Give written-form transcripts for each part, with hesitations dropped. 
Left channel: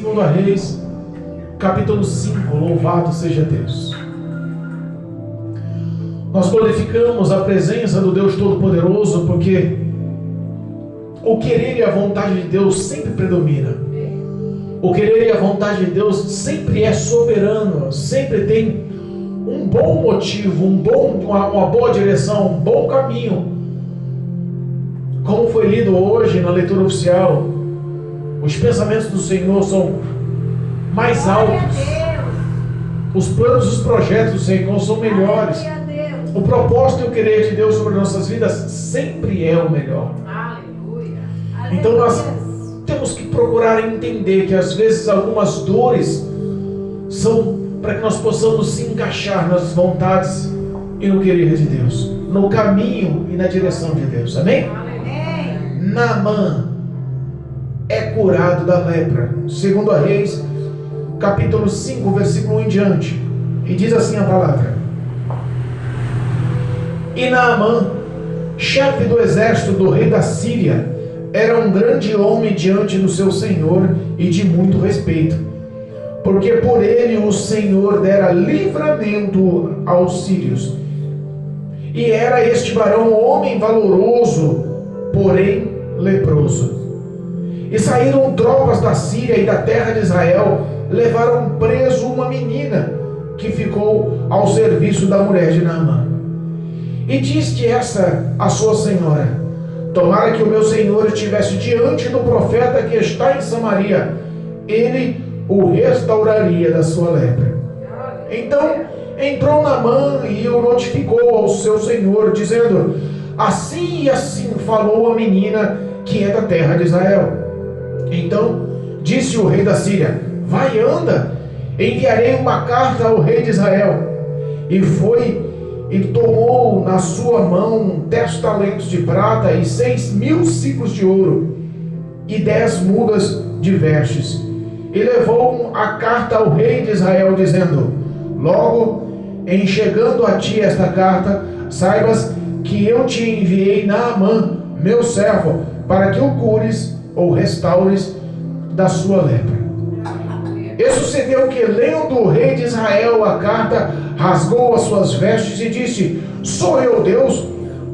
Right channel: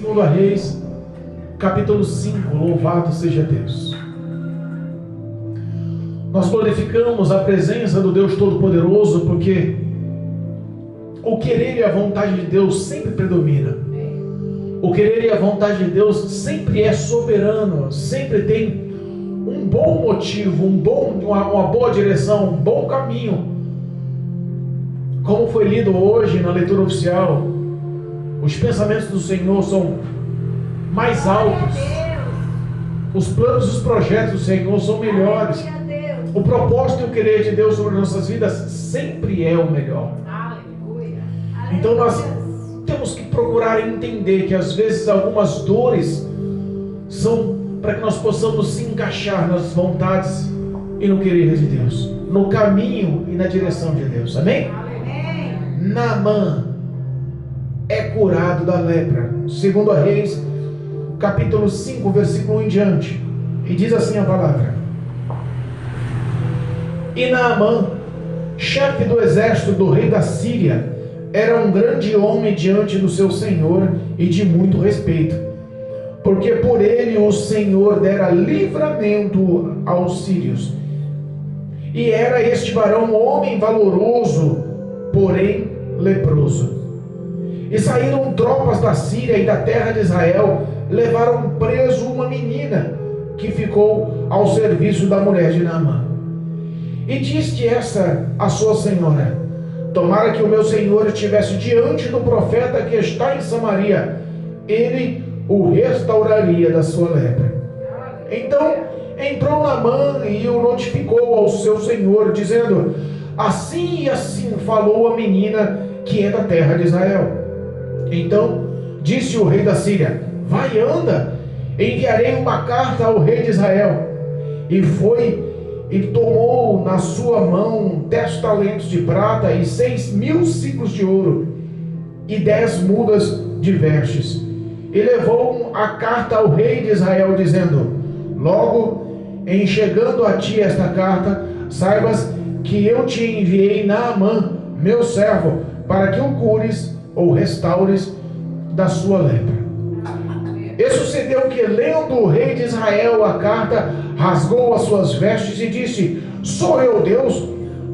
Segundo a Reis, capítulo 5, louvado seja Deus. Nós glorificamos a presença do Deus Todo-Poderoso, porque o querer e a vontade de Deus sempre predomina. O querer e a vontade de Deus sempre é soberano, sempre tem um bom motivo, uma boa direção, um bom caminho. Como foi lido hoje na leitura oficial, os pensamentos do Senhor são mais altos. Os planos e os projetos do Senhor são melhores. O propósito e o querer de Deus sobre nossas vidas sempre é o melhor. Aleluia. Então nós temos que procurar entender que às vezes algumas dores são para que nós possamos se encaixar nas vontades e no querer de Deus, no caminho e na direção de Deus. Amém? Amém. Naamã é curado da lepra. Segundo a Reis, capítulo 5, versículo 1 em diante. E diz assim a palavra: E Naamã, chefe do exército do rei da Síria, era um grande homem diante do seu senhor e de muito respeito, porque por ele o Senhor dera livramento aos sírios. E era este varão homem valoroso, porém leproso. E saíram tropas da Síria e da terra de Israel, levaram preso uma menina que ficou ao serviço da mulher de Naamã. E disse essa a sua senhora: Tomara que o meu senhor estivesse diante do profeta que está em Samaria, ele o restauraria da sua lepra. Então entrou Naamã e o notificou ao seu senhor, dizendo: Assim e assim falou a menina que é da terra de Israel. Então disse o rei da Síria: Vai, anda, enviarei uma carta ao rei de Israel. E foi e tomou na sua mão 10 talentos de prata e 6.000 ciclos de ouro e 10 mudas de vestes. E levou a carta ao rei de Israel, dizendo: Logo em chegando a ti esta carta, saibas que eu te enviei Naamã, meu servo, para que o cures ou restaures da sua lepra. E sucedeu que, lendo o rei de Israel a carta, rasgou as suas vestes e disse: Sou eu Deus,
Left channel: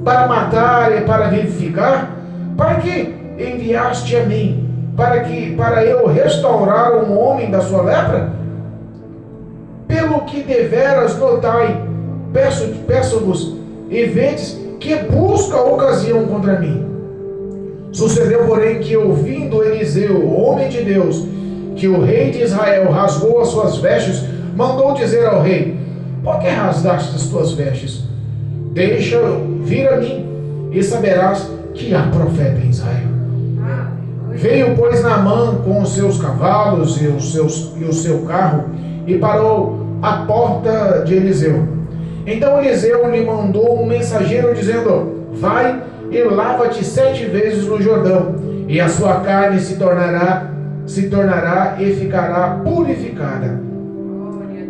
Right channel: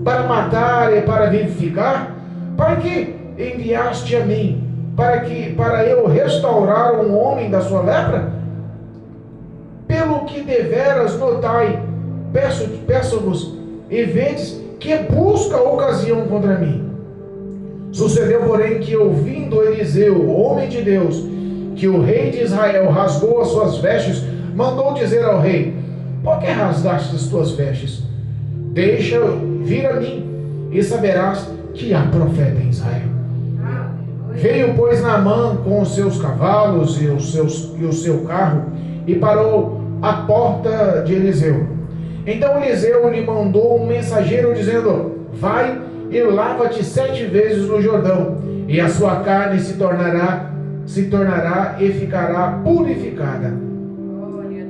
para matar e para vivificar? Para que enviaste a mim? Para eu restaurar um homem da sua lepra? Pelo que deveras notai, peço-vos e vedes que busca ocasião contra mim. Sucedeu, porém, que ouvindo Eliseu, homem de Deus, que o rei de Israel rasgou as suas vestes, mandou dizer ao rei: Por que rasgaste as tuas vestes? Deixa vir a mim, e saberás que há profeta em Israel. Veio, pois, Naamã com os seus cavalos e o seu carro, e parou à porta de Eliseu. Então Eliseu lhe mandou um mensageiro, dizendo: Vai e lava-te 7 vezes no Jordão, e a sua carne se tornará e ficará purificada.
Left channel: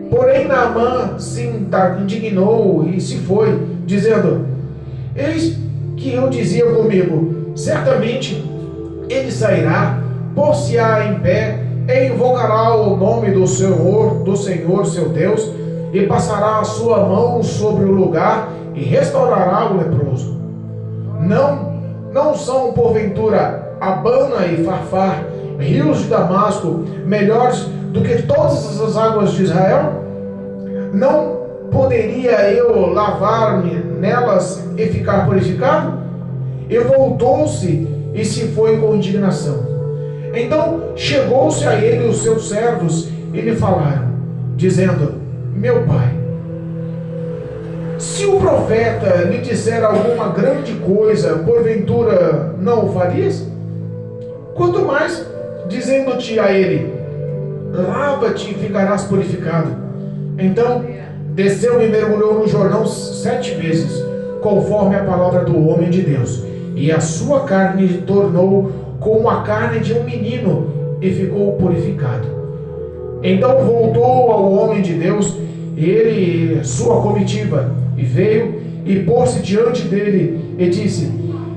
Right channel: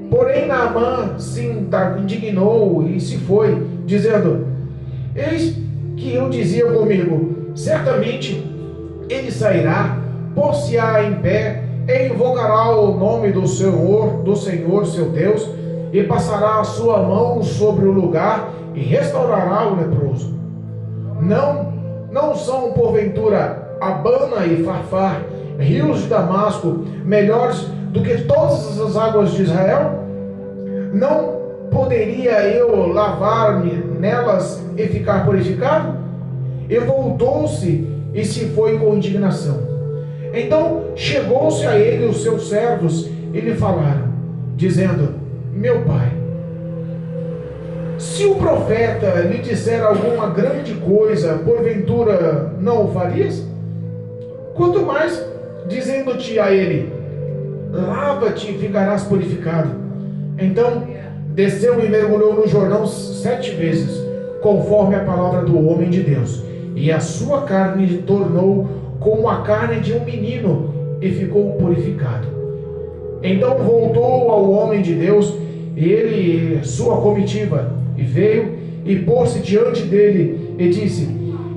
Porém Naamã se indignou e se foi, dizendo: Eis que eu dizia comigo: Certamente ele sairá, pôr-se-á em pé, e invocará o nome do Senhor seu Deus, e passará a sua mão sobre o lugar, e restaurará o leproso. Não são, porventura, Abana e Farfar, rios de Damasco, melhores do que todas as águas de Israel? Não poderia eu lavar-me nelas e ficar purificado? E voltou-se e se foi com indignação. Então chegou-se a ele os seus servos e lhe falaram, dizendo: Meu pai, se o profeta lhe disser alguma grande coisa, porventura não o farias? Quanto mais, dizendo-te a ele: Lava-te e ficarás purificado. Então desceu e mergulhou no Jordão 7 vezes, conforme a palavra do homem de Deus, e a sua carne tornou como a carne de um menino, e ficou purificado. Então voltou ao homem de Deus, ele e sua comitiva, e veio e pôs-se diante dele e disse:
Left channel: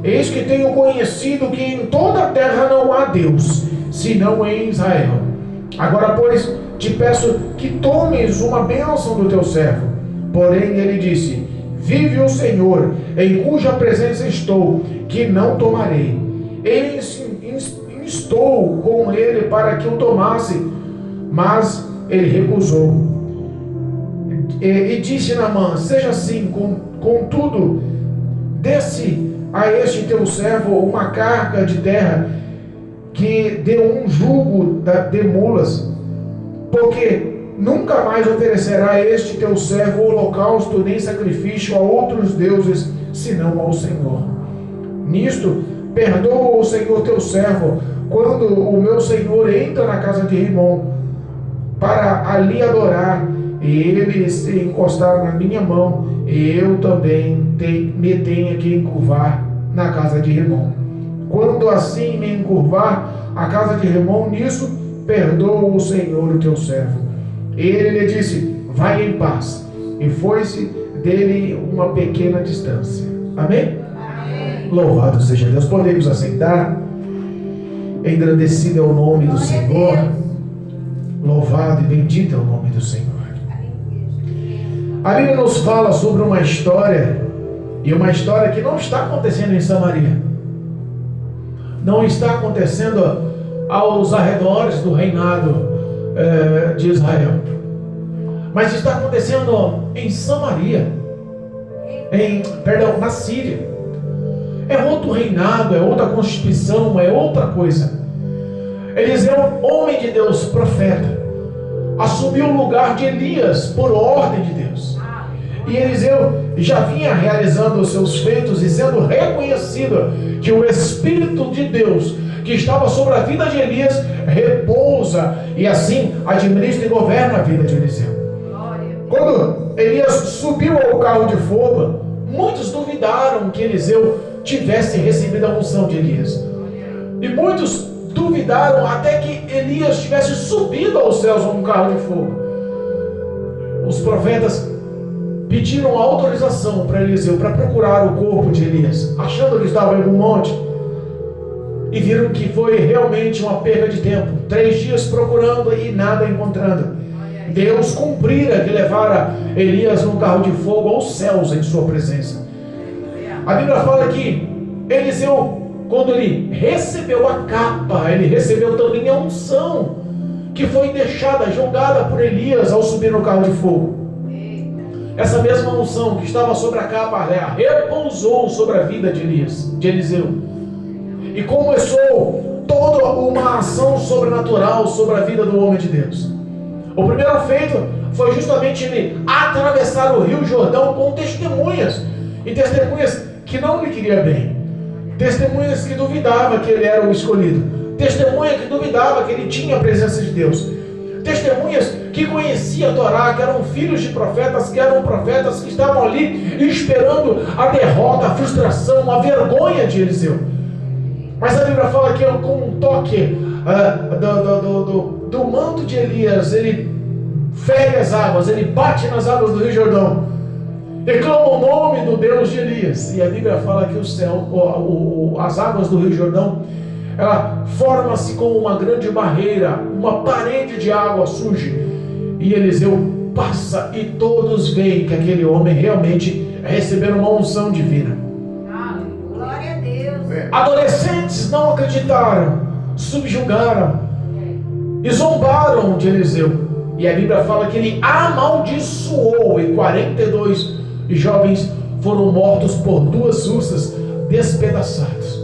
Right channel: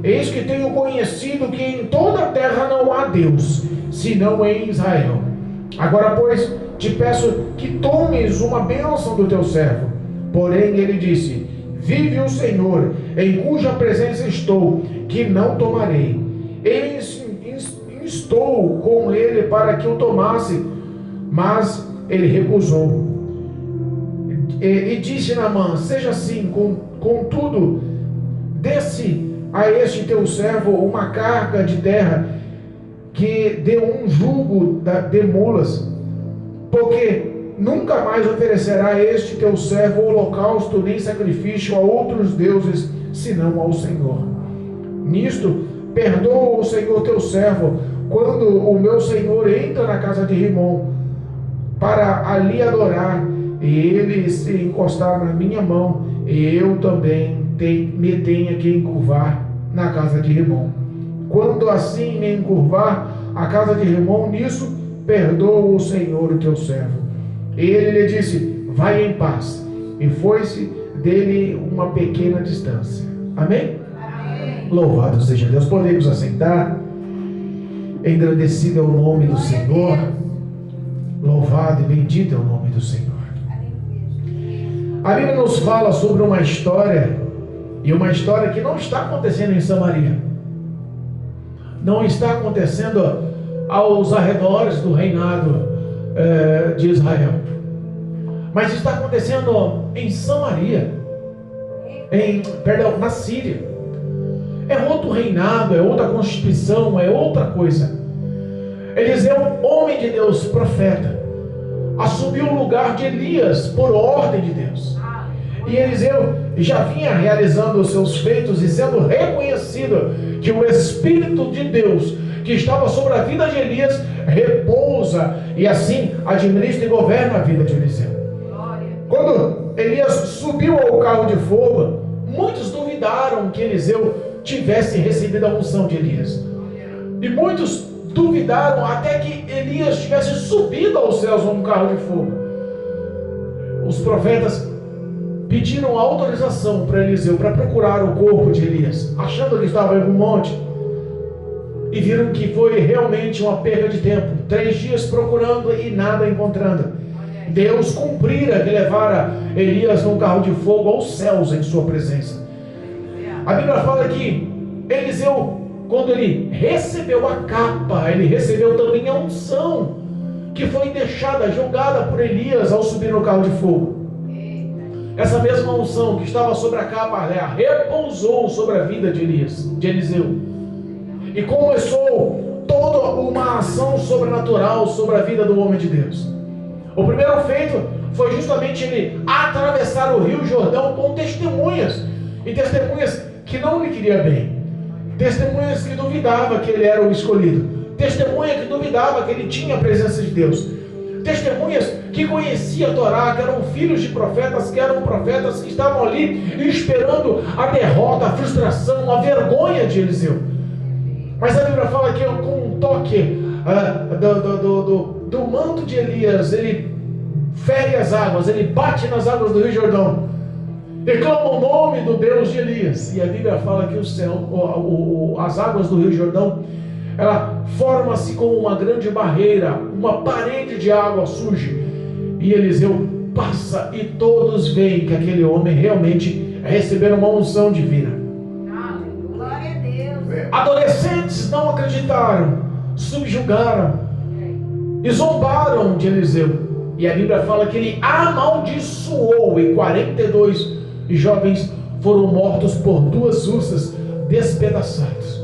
Eis que tenho conhecido que em toda a terra não há Deus, senão em Israel. Agora, pois, te peço que tomes uma bênção do teu servo. Porém, ele disse: vive o Senhor, em cuja presença estou, que não tomarei. Ele instou com ele para que o tomasse, mas ele recusou. E disse Naamã: seja assim, contudo, desce a este teu servo uma carga de terra, que dê um jugo de mulas, porque nunca mais oferecerá este teu servo holocausto nem sacrifício a outros deuses, senão ao Senhor. Nisto, perdoa o Senhor teu servo, quando o meu senhor entra na casa de Rimom, para ali adorar, e ele se encostar na minha mão, e eu também me tenha que encurvar na casa de Rimom. Quando assim me encurvar a casa de Rimom, nisso perdoa o Senhor o teu servo. Ele lhe disse: vai em paz. E foi-se dele uma pequena distância. Amém? Amém. Louvado seja Deus. Podemos assentar. Engrandecido é o nome do Senhor. Louvado e bendito é o nome do Senhor. A Bíblia nos fala sobre uma história, e uma história que não está acontecendo em Samaria. Não está acontecendo aos arredores do reinado de Israel, mas está acontecendo em Samaria, na Síria. É outro reinado, é outra constituição, é outra coisa. Eliseu, homem de Deus, profeta, assumiu o lugar de Elias por ordem de Deus. E Eliseu já vinha realizando os seus feitos e sendo reconhecido que o Espírito de Deus que estava sobre a vida de Elias repousa e assim administra e governa a vida de Eliseu. Quando Elias subiu ao carro de fogo, muitos duvidaram que Eliseu tivesse recebido a unção de Elias. E muitos duvidaram até que Elias tivesse subido aos céus num carro de fogo. Os profetas pediram autorização para Eliseu para procurar o corpo de Elias, achando que estava em um monte, e viram que foi realmente uma perda de tempo. 3 dias procurando e nada encontrando. Deus cumprira que levara Elias num carro de fogo aos céus em sua presença. A Bíblia fala que Eliseu, quando ele recebeu a capa, ele recebeu também a unção que foi deixada, jogada por Elias ao subir no carro de fogo. Essa mesma unção que estava sobre a capa repousou sobre a vida de Eliseu. E começou toda uma ação sobrenatural sobre a vida do homem de Deus. O primeiro feito foi justamente ele atravessar o Rio Jordão com testemunhas. E testemunhas que não lhe queriam bem. Testemunhas que duvidavam que ele era o escolhido. Testemunha que duvidava que ele tinha a presença de Deus. Testemunhas que conheciam a Torá, que eram filhos de profetas, que eram profetas que estavam ali esperando a derrota, a frustração, a vergonha de Eliseu. Mas a Bíblia fala que com um toque do manto de Elias, ele fere as águas, ele bate nas águas do Rio Jordão, declama o nome do Deus de Elias. E a Bíblia fala que o céu, as águas do Rio Jordão, ela forma-se como uma grande barreira, uma parede de água surge, e Eliseu passa e todos veem que aquele homem realmente recebeu uma unção divina. Glória a Deus. Adolescentes não acreditaram, subjugaram e zombaram de Eliseu, e a Bíblia fala que ele amaldiçoou, e 42 jovens foram mortos por 2 ursas, despedaçados.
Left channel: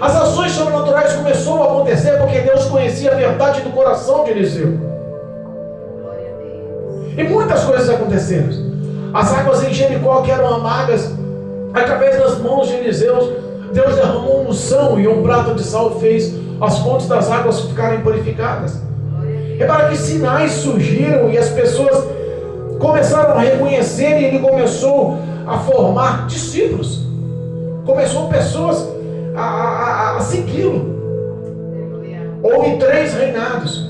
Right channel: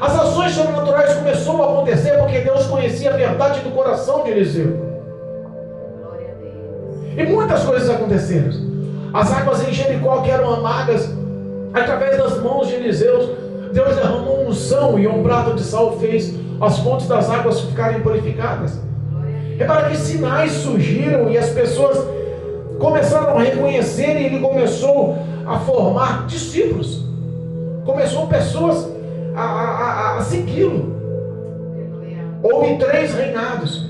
As ações sobrenaturais começaram a acontecer porque Deus conhecia a verdade do coração de Eliseu. E muitas coisas aconteceram. As águas em Jericó que eram amargas, através das mãos de Eliseu, Deus derramou unção e um prato de sal fez as fontes das águas ficarem purificadas. Repara que sinais surgiram e as pessoas começaram a reconhecer, e ele começou a formar discípulos. Começou pessoas a segui-lo. Houve 3 reinados,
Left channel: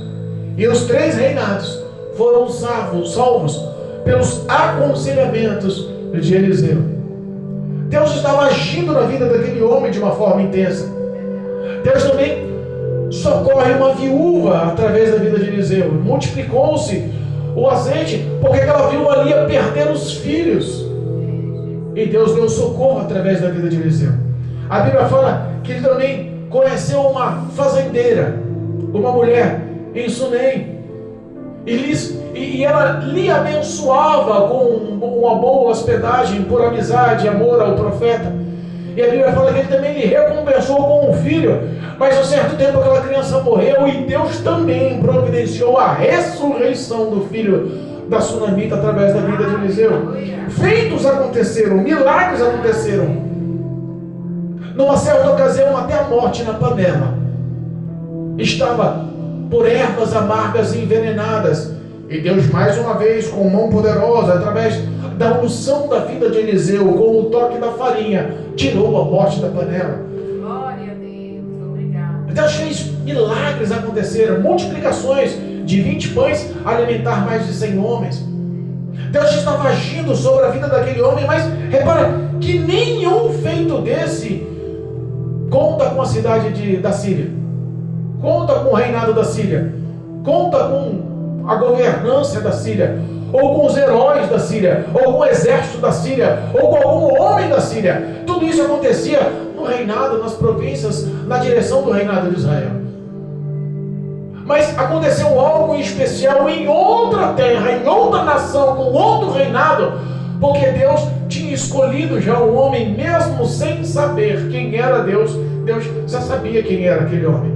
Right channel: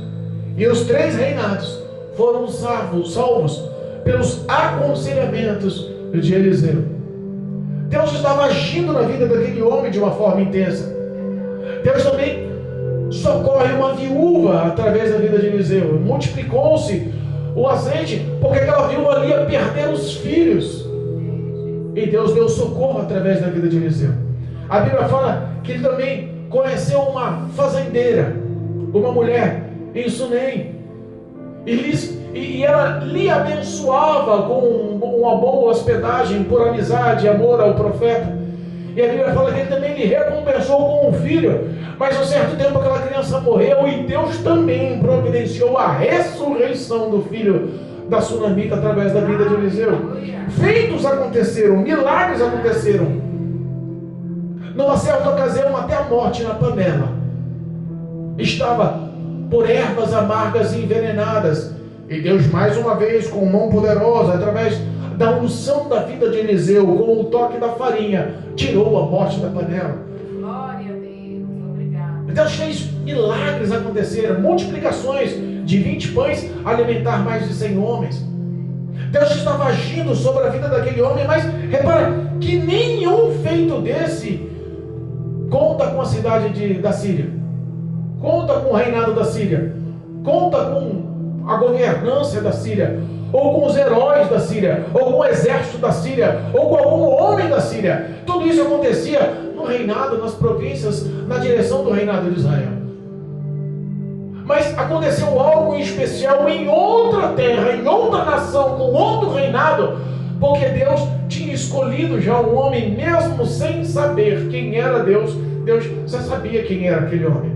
e os 3 reinados foram salvos pelos aconselhamentos de Eliseu. Deus estava agindo na vida daquele homem de uma forma intensa. Deus também socorre uma viúva através da vida de Eliseu. Multiplicou-se o azeite, porque aquela viúva ali ia perder os filhos. E Deus deu socorro através da vida de Eliseu. A Bíblia fala que ele também conheceu uma fazendeira, uma mulher em Sunem. E ela lhe abençoava com uma boa hospedagem, por amizade e amor ao profeta. E a Bíblia fala que ele também lhe recompensou com um filho. Mas a um certo tempo aquela criança morreu e Deus também providenciou a ressurreição do filho da sunamita através da vida de Eliseu. Feitos aconteceram, milagres aconteceram. Numa certa ocasião, até a morte na panela estava por ervas amargas e envenenadas. E Deus, mais uma vez, com mão poderosa, através da unção da vida de Eliseu, com o toque da farinha, tirou a morte da panela. Glória a Deus, obrigado. Deus fez milagres acontecer, multiplicações de 20 pães, alimentar mais de 100 homens. Deus estava agindo sobre a vida daquele homem, mas repara que nenhum feito desse conta com a cidade da Síria, conta com o reinado da Síria, conta com a governância da Síria, ou com os heróis da Síria, ou com o exército da Síria, ou com algum homem da Síria. Tudo isso acontecia no reinado, nas províncias, na direção do reinado de Israel. Mas aconteceu algo em especial em outra terra, em outra nação, com outro reinado, porque Deus tinha escolhido já o homem, mesmo sem saber quem era Deus. Deus já sabia quem era aquele homem.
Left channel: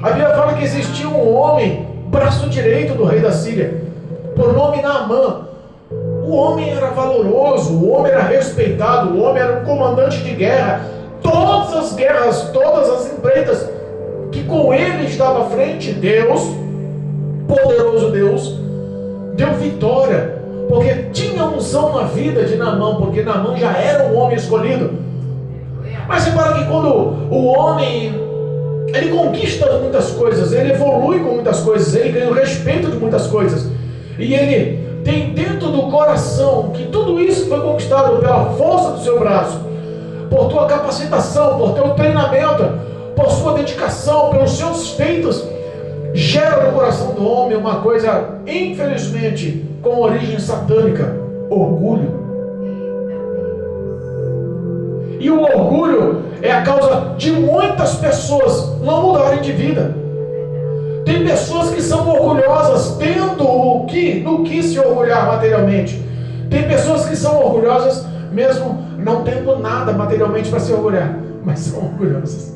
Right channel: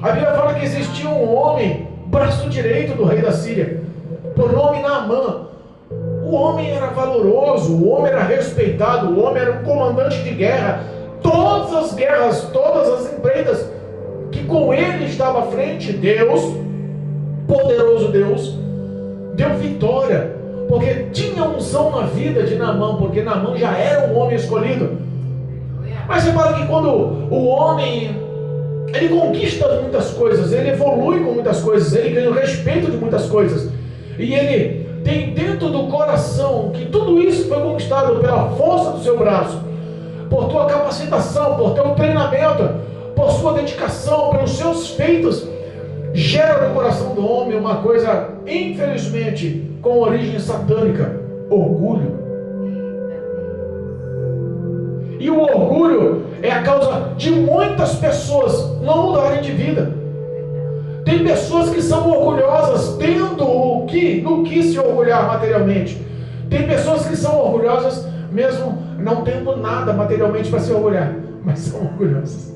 A Bíblia fala que existia um homem, braço direito do rei da Síria, por nome Naamã. O homem era valoroso, o homem era respeitado, o homem era um comandante de guerra. Todas as guerras, todas as empreitas que com ele estava à frente, Deus, poderoso Deus, deu vitória, porque tinha unção na vida de Naamã, porque Naamã já era um homem escolhido. Mas repara que quando o homem, ele conquista muitas coisas, ele evolui com muitas coisas, ele ganha o respeito de muitas coisas, e ele tem dentro do coração que tudo isso foi conquistado pela força do seu braço, por tua capacitação, por teu treinamento, por sua dedicação, pelos seus feitos, gera no coração do homem uma coisa, infelizmente, com origem satânica: orgulho. E o orgulho é a causa de muitas pessoas não mudarem de vida. Tem pessoas que são orgulhosas tendo no que se orgulhar materialmente. Tem pessoas que são orgulhosas mesmo não tendo nada materialmente para se orgulhar, mas são orgulhosas.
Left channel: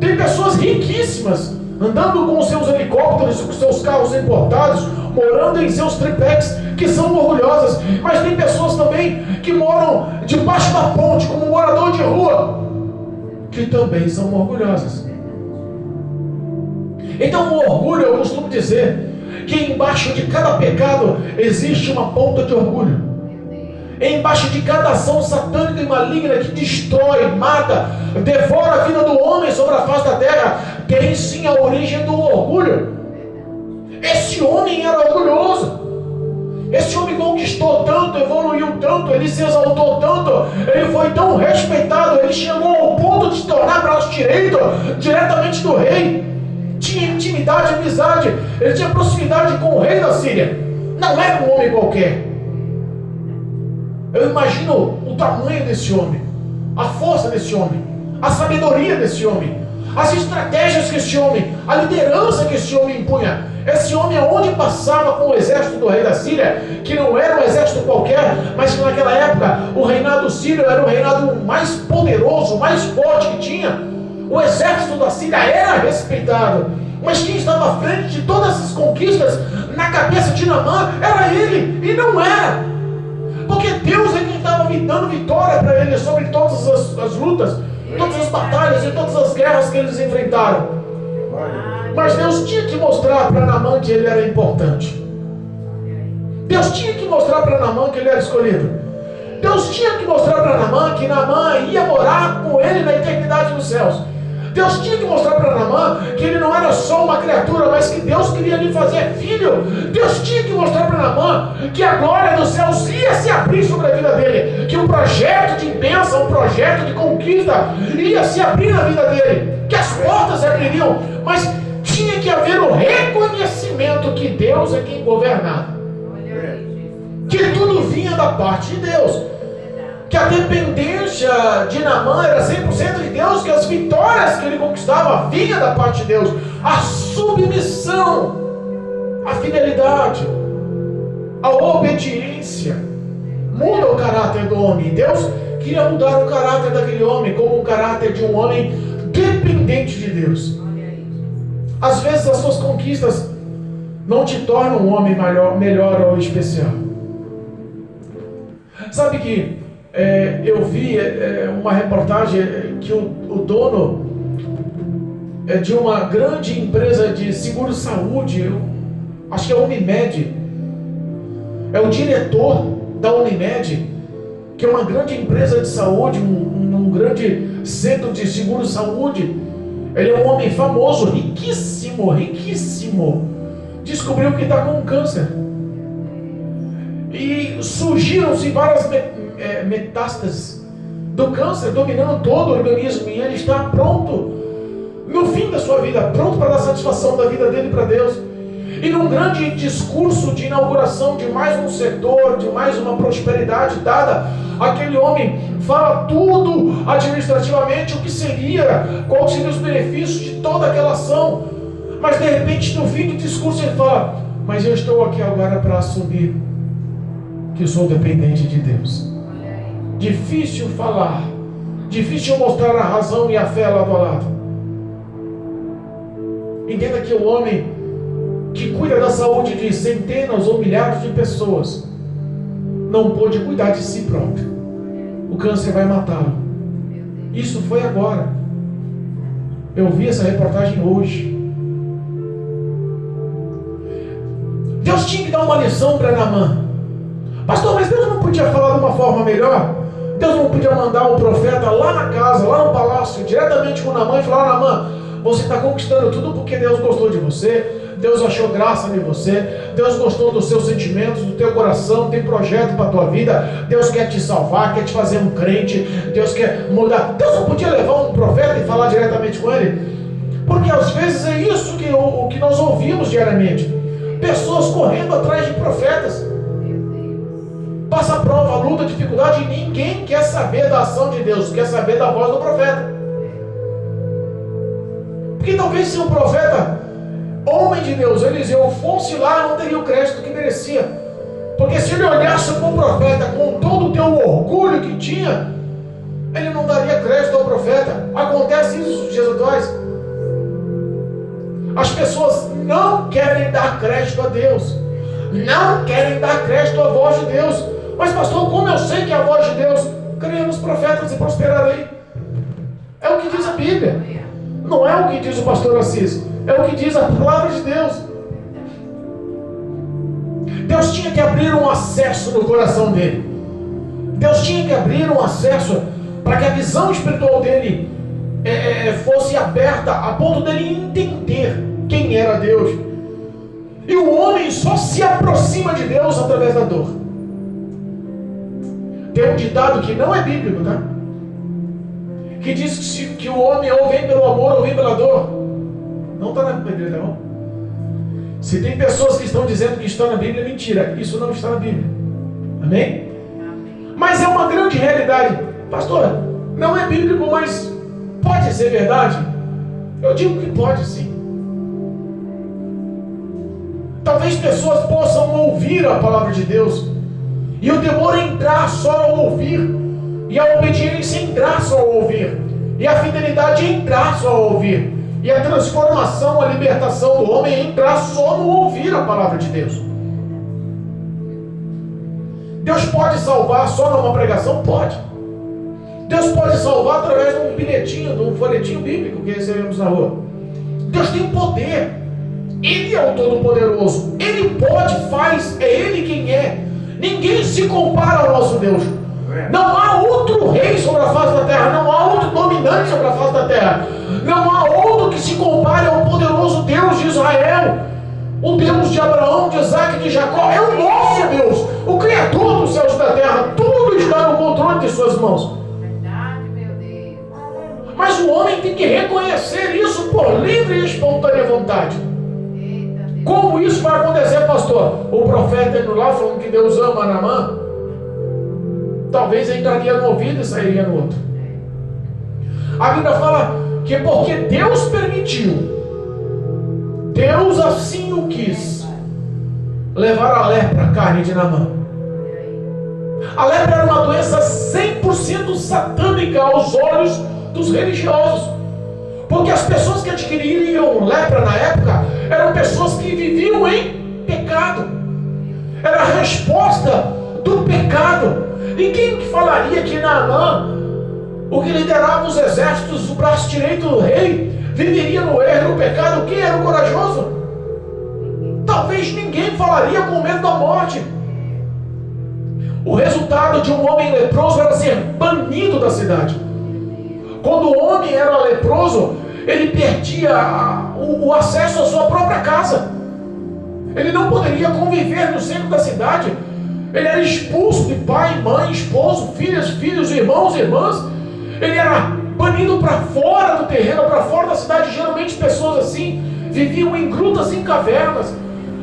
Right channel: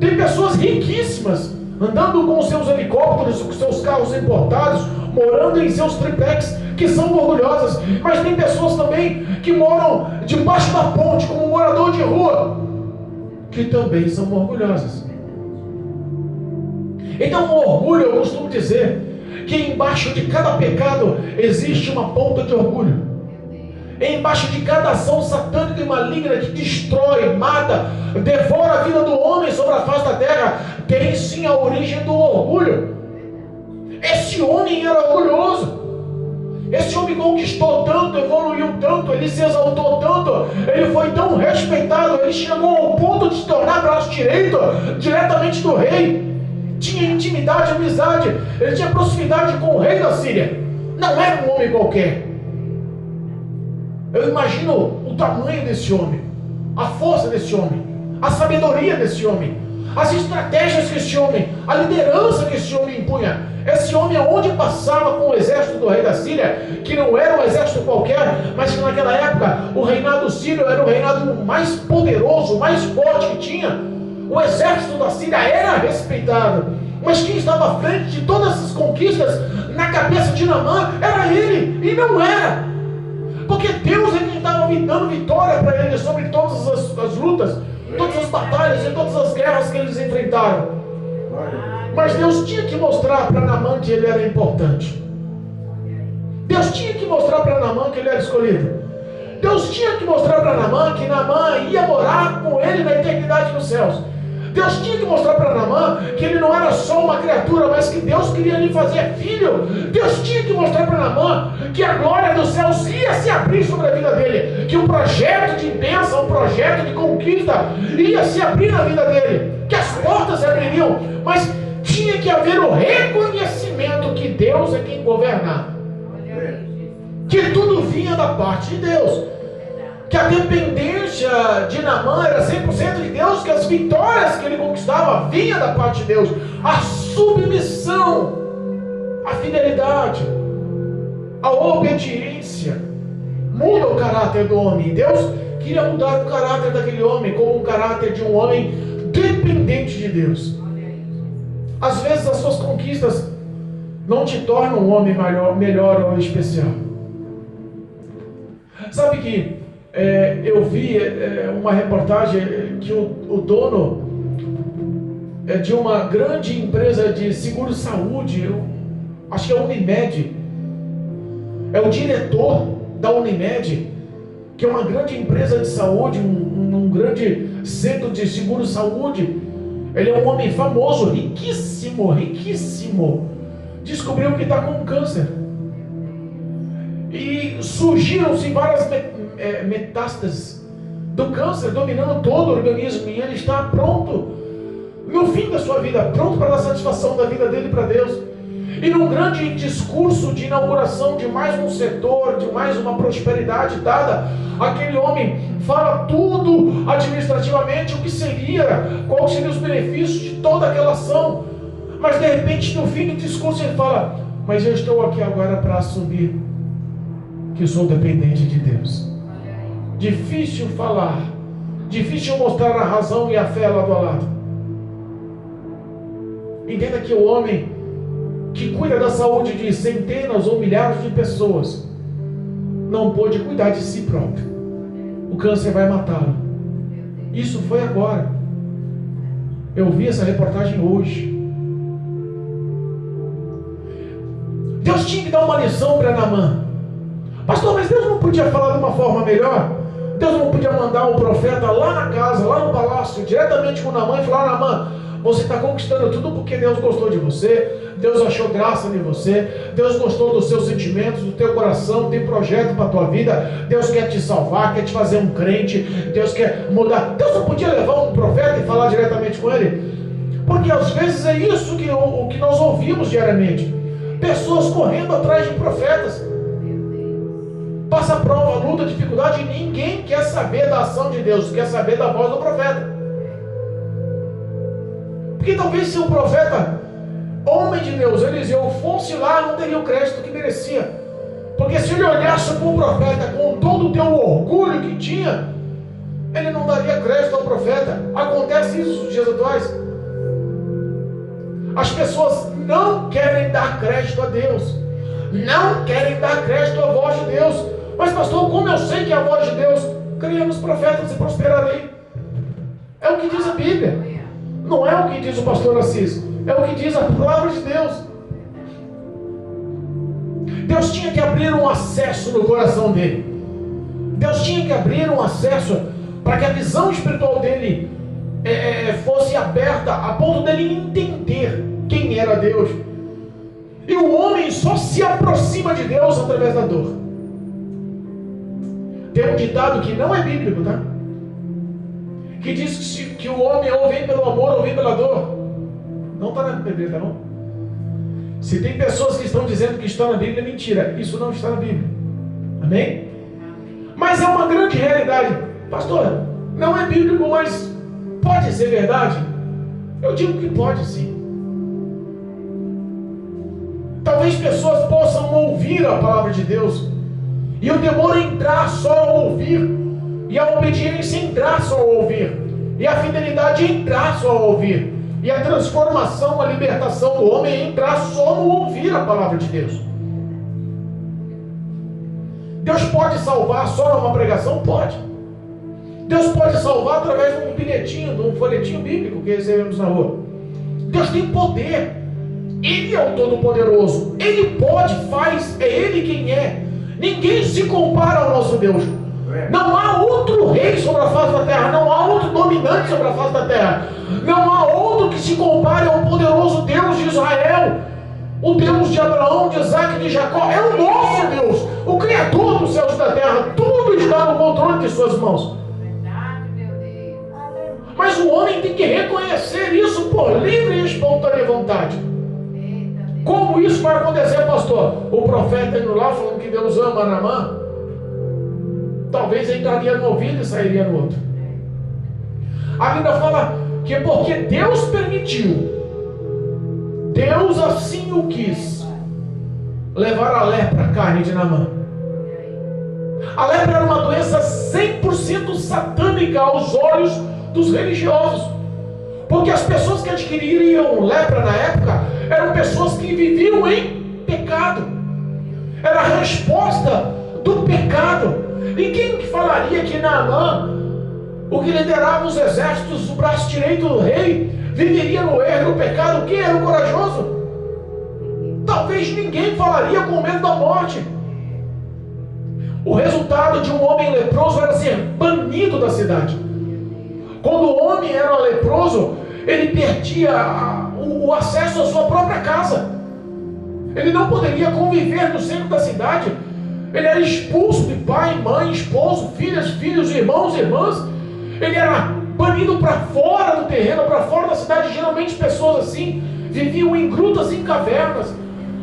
Tem pessoas riquíssimas andando com seus helicópteros, com seus carros importados, morando em seus triplex, que são orgulhosas. Mas tem pessoas também que moram debaixo da ponte, como um morador de rua, que também são orgulhosas. Então o orgulho, eu costumo dizer que embaixo de cada pecado existe uma ponta de orgulho. Embaixo de cada ação satânica e maligna que destrói, mata, devora a vida do homem sobre a face da terra, tem sim a origem do orgulho. Esse homem era orgulhoso. Esse homem conquistou tanto, evoluiu tanto, ele se exaltou tanto, ele foi tão respeitado, ele chegou ao ponto de se tornar braço direito diretamente do rei. Tinha intimidade, amizade, ele tinha proximidade com o rei da Síria. Não era um homem qualquer. Eu imagino o tamanho desse homem, a força desse homem, a sabedoria desse homem, as estratégias que esse homem, a liderança que esse homem impunha. Esse homem, aonde passava com o exército do rei da Síria, que não era um exército qualquer, mas que naquela época o reinado sírio era o reinado mais poderoso, mais forte que tinha. O exército da Síria era respeitado, mas quem estava à frente de todas essas conquistas na cabeça de Naamã era ele, e não era. Porque Deus ele estava dando vitória para ele sobre todas as lutas, todas as batalhas e todas as guerras que eles enfrentaram. Mas Deus tinha que mostrar para Naamã que ele era importante. Deus tinha que mostrar para Naamã que ele era escolhido. Deus tinha que mostrar para Naamã que Naamã ia morar com ele na eternidade dos céus. Deus tinha que mostrar para Naamã que ele não era só uma criatura, mas que Deus queria lhe fazer filho. Deus tinha que mostrar para Naamã que a glória dos céus ia se abrir sobre a vida dele, que o projeto de bênção, o projeto de conquista ia se abrir na vida dele, que as portas se abririam. Mas Deus é quem governava. Olha aí, Jesus. Que tudo vinha da parte de Deus. Verdade. Que a dependência de Naamã era 100% de Deus, que as vitórias que ele conquistava vinham da parte de Deus. A submissão, a fidelidade, a obediência muda o caráter do homem. Deus queria mudar o caráter daquele homem como um caráter de um homem dependente de Deus. Olha aí, Jesus. Às vezes as suas conquistas não te tornam um homem melhor ou especial. Sabe que eu vi uma reportagem que o dono de uma grande empresa de seguro-saúde, acho que é a Unimed, é o diretor da Unimed, que é uma grande empresa de saúde, um grande centro de seguro-saúde. Ele é um homem famoso, riquíssimo, riquíssimo. Descobriu que está com câncer. E surgiram-se várias metástases do câncer, dominando todo o organismo. E ele está pronto, no fim da sua vida, pronto para dar satisfação da vida dele para Deus. E num grande discurso de inauguração de mais um setor, de mais uma prosperidade dada, aquele homem fala tudo administrativamente, o que seria, quais seriam os benefícios de toda aquela ação. Mas de repente, no fim do discurso, ele fala: mas eu estou aqui agora para assumir que sou dependente de Deus. Difícil falar, difícil mostrar a razão e a fé lado a lado. Entenda que o homem que cuida da saúde de centenas ou milhares de pessoas não pôde cuidar de si próprio. O câncer vai matá-lo. Isso foi agora. Eu vi essa reportagem hoje. Deus tinha que dar uma lição para Naamã. Pastor, mas Deus não podia falar de uma forma melhor? Deus não podia mandar o profeta lá na casa, lá no palácio, diretamente com Naamã e falar: Naamã, você está conquistando tudo porque Deus gostou de você, Deus achou graça em você, Deus gostou dos seus sentimentos, do teu coração, tem projeto para a tua vida, Deus quer te salvar, quer te fazer um crente, Deus quer mudar. Deus não podia levar um profeta e falar diretamente com ele? Porque às vezes é isso que nós ouvimos diariamente. Pessoas correndo atrás de profetas. Passa prova, luta, dificuldade, e ninguém quer saber da ação de Deus, quer saber da voz do profeta. Porque talvez se o profeta, homem de Deus, Eliseu, fosse lá, não teria o crédito que merecia. Porque se ele olhasse para o profeta com todo o teu orgulho que tinha, ele não daria crédito ao profeta. Acontece isso nos dias atuais. As pessoas não querem dar crédito a Deus, não querem dar crédito à voz de Deus. Mas pastor, como eu sei que é a voz de Deus? Creia nos profetas e prosperarei. É o que diz a Bíblia. Não é o que diz o pastor Assis, é o que diz a palavra de Deus. Deus tinha que abrir um acesso no coração dele. Deus tinha que abrir um acesso para que a visão espiritual dele fosse aberta a ponto dele entender quem era Deus. E o homem só se aproxima de Deus através da dor. Tem um ditado que não é bíblico, tá? Que diz que o homem ou vem pelo amor ou vem pela dor. Não está na Bíblia, tá bom? Se tem pessoas que estão dizendo que está na Bíblia, é mentira. Isso não está na Bíblia. Amém? Mas é uma grande realidade. Pastor, não é bíblico, mas pode ser verdade? Eu digo que pode sim. Talvez pessoas possam ouvir a palavra de Deus e o temor entrar só ao ouvir, e a obediência entrar só ao ouvir, e a fidelidade entrar só ao ouvir, e a transformação, a libertação do homem entrar só no ouvir a palavra de Deus. Deus pode salvar só numa pregação? Pode. Deus pode salvar através de um bilhetinho, de um folhetinho bíblico que recebemos na rua. Deus tem poder. Ele é o Todo-Poderoso. Ele pode, faz, é Ele quem é. Ninguém se compara ao nosso Deus. Não há outro rei sobre a face da terra, não há outro dominante sobre a face da terra, não há outro que se compare ao poderoso Deus de Israel, o Deus de Abraão, de Isaac e de Jacó. É o nosso Deus, o Criador dos céus e da terra. Tudo está no controle de suas mãos. Verdade, meu Deus. Mas o homem tem que reconhecer isso por livre e espontânea vontade. Eita, Deus. Como isso vai acontecer, pastor? O profeta indo lá falando que Deus ama Naamã, talvez entraria no ouvido e sairia no outro. A Bíblia fala que é porque Deus permitiu, Deus assim o quis, levar a lepra à carne de Naamã. A lepra era uma doença 100% satânica aos olhos dos religiosos, porque as pessoas que adquiriam lepra na época eram pessoas que viviam em pecado. Era a resposta do pecado. E quem que falaria que Naamã, o que liderava os exércitos, o braço direito do rei, viveria no erro, no pecado? Quem era o corajoso? Talvez ninguém falaria com medo da morte. O resultado de um homem leproso era ser banido da cidade. Quando o homem era leproso, ele perdia o acesso à sua própria casa. Ele não poderia conviver no centro da cidade. Ele era expulso de pai, mãe, esposo, filhos, irmãos e irmãs. Ele era banido para fora do terreno, para fora da cidade. Geralmente pessoas assim viviam em grutas, em cavernas,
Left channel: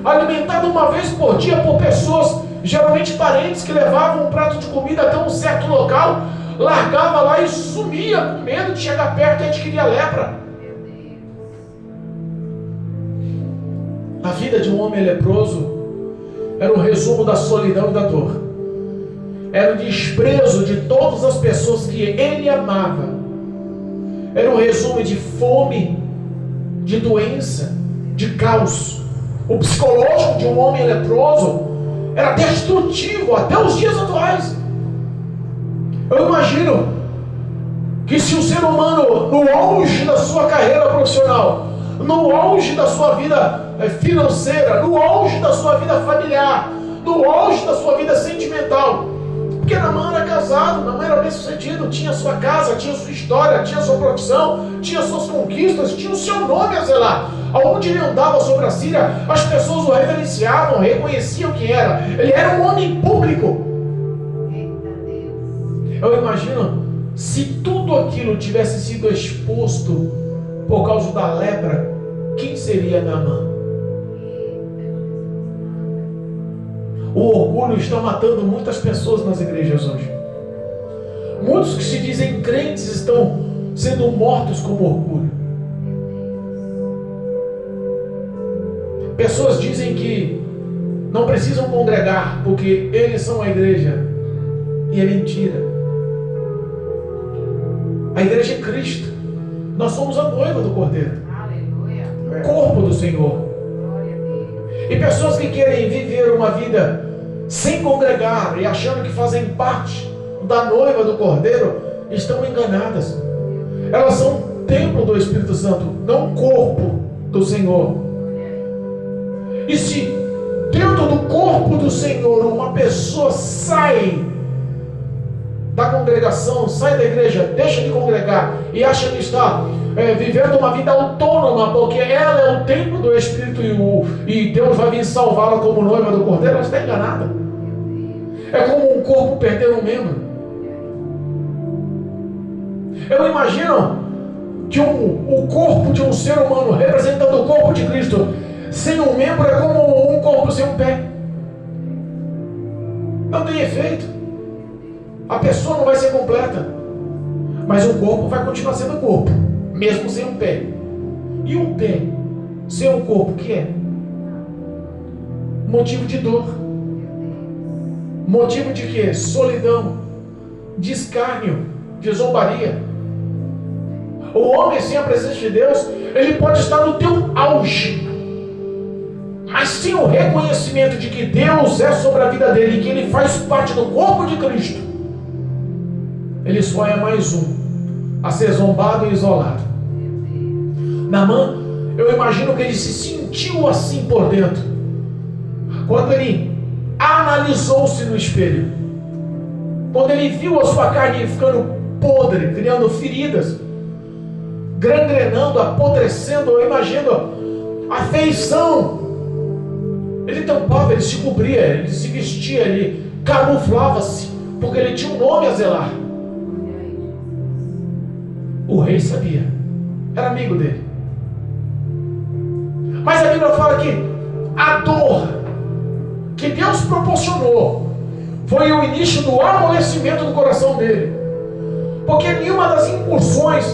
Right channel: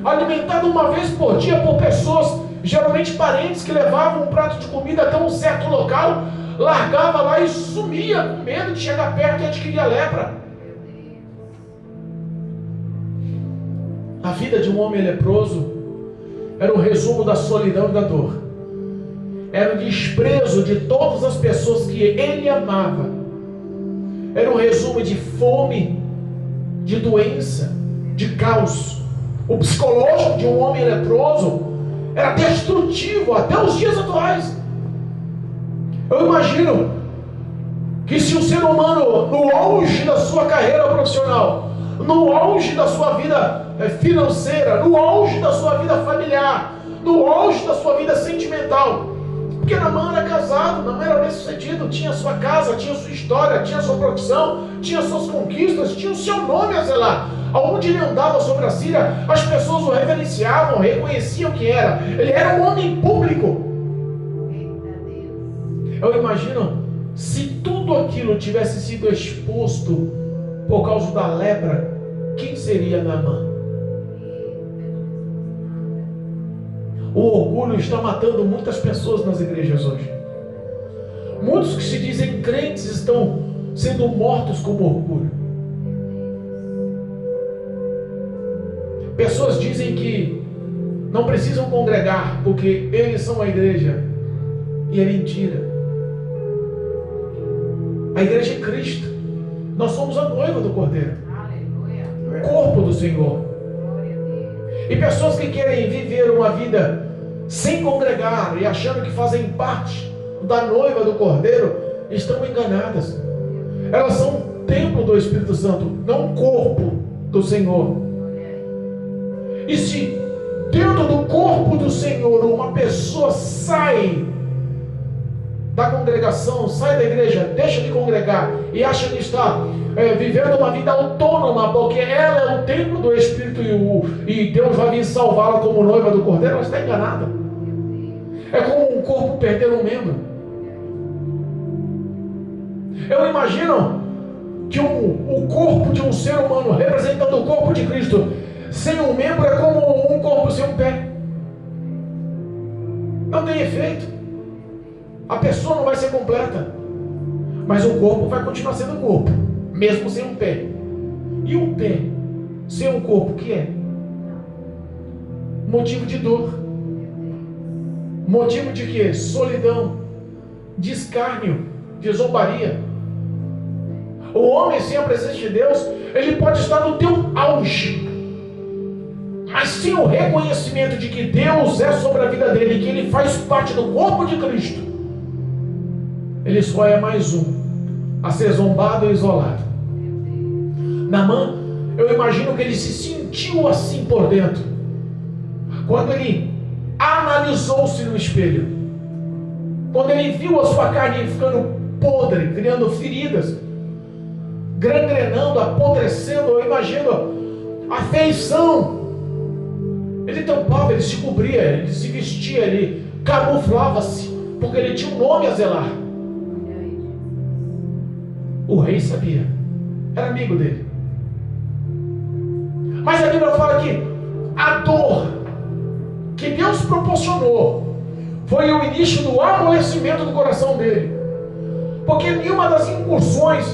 alimentado uma vez por dia por pessoas, geralmente parentes, que levavam um prato de comida até um certo local, largava lá e sumia com medo de chegar perto e adquirir a lepra. A vida de um homem leproso era o resumo da solidão e da dor. Era o desprezo de todas as pessoas que ele amava. Era o resumo de fome, de doença, de caos. O psicológico de um homem leproso era destrutivo até os dias atuais. Eu imagino que se o ser humano, no auge da sua carreira profissional, no auge da sua vida financeira, no auge da sua vida familiar, no auge da sua vida sentimental, porque Naamã era casado, Naamã era bem sucedido, tinha sua casa, tinha sua história, tinha sua profissão, tinha suas conquistas, tinha o seu nome a zelar. Aonde ele andava sobre a Síria, as pessoas o reverenciavam, reconheciam quem era. Ele era um homem público. Eu imagino, se tudo aquilo tivesse sido exposto por causa da lepra, quem seria Naamã? O orgulho está matando muitas pessoas nas igrejas hoje. Muitos que se dizem crentes estão sendo mortos como orgulho. Pessoas dizem que não precisam congregar porque eles são a igreja. E é mentira. A igreja é Cristo. Nós somos a noiva do Cordeiro. Aleluia. O corpo do Senhor. Glória a Deus. E pessoas que querem viver uma vida sem congregar e achando que fazem parte da noiva do Cordeiro, estão enganadas. Elas são templo do Espírito Santo, não corpo do Senhor. E se dentro do corpo do Senhor uma pessoa sai da congregação, sai da igreja, deixa de congregar e acha que está vivendo uma vida autônoma, porque ela é o templo do Espírito e Deus vai vir salvá-la como noiva do Cordeiro, ela está enganada. É como um corpo perder um membro. Eu imagino que o corpo de um ser humano, representando o corpo de Cristo, sem um membro é como um corpo sem um pé. Não tem efeito. A pessoa não vai ser completa, mas o corpo vai continuar sendo corpo, mesmo sem um pé. E um pé sem um corpo, que é? Motivo de dor. Motivo de quê? Solidão, de escárnio, de zombaria. O homem sem a presença de Deus, ele pode estar no teu auge, mas sem o reconhecimento de que Deus é sobre a vida dele, que ele faz parte do corpo de Cristo, ele só é mais um a ser zombado e isolado. Naamã, eu imagino que ele se sentiu assim por dentro, quando ele analisou-se no espelho, quando ele viu a sua carne ficando podre, criando feridas, gangrenando, apodrecendo. Eu imagino a feição. Ele tampava, ele se cobria, ele se vestia, ele camuflava-se, porque ele tinha um nome a zelar. O rei sabia, era amigo dele. Mas a Bíblia fala que a dor que Deus proporcionou foi o início do amolecimento do coração dele. Porque em nenhuma das incursões,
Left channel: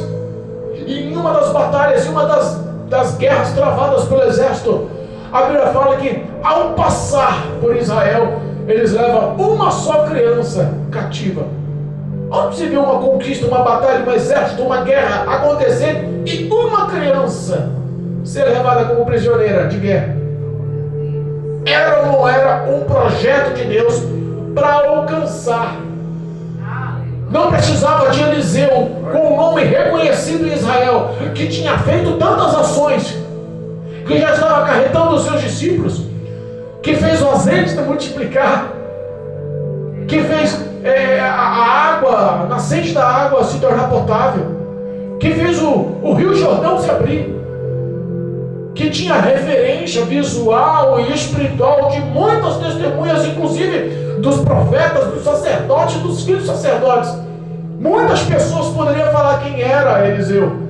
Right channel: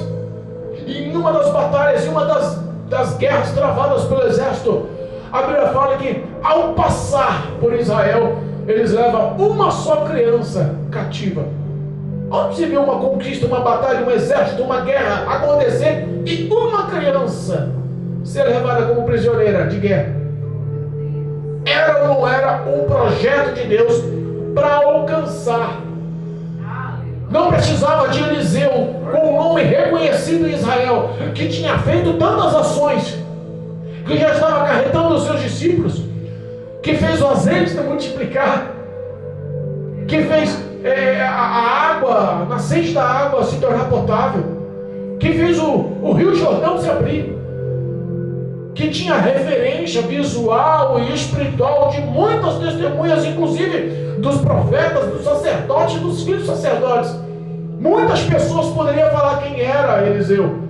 em nenhuma das batalhas, em uma das guerras travadas pelo exército, a Bíblia fala que ao passar por Israel, eles levam uma só criança cativa. Onde se vê uma conquista, uma batalha, um exército, uma guerra acontecer e uma criança ser levada como prisioneira de guerra? Era ou não era um projeto de Deus para alcançar? Não precisava de Eliseu, com um nome reconhecido em Israel, que tinha feito tantas ações, que já estava acarretando os seus discípulos, que fez o azeite se multiplicar, que fez a água, a nascente da água se tornar potável, que fez o Rio Jordão se abrir, que tinha referência visual e espiritual de muitas testemunhas, inclusive dos profetas, dos sacerdotes, dos filhos sacerdotes. Muitas pessoas poderiam falar quem era Eliseu,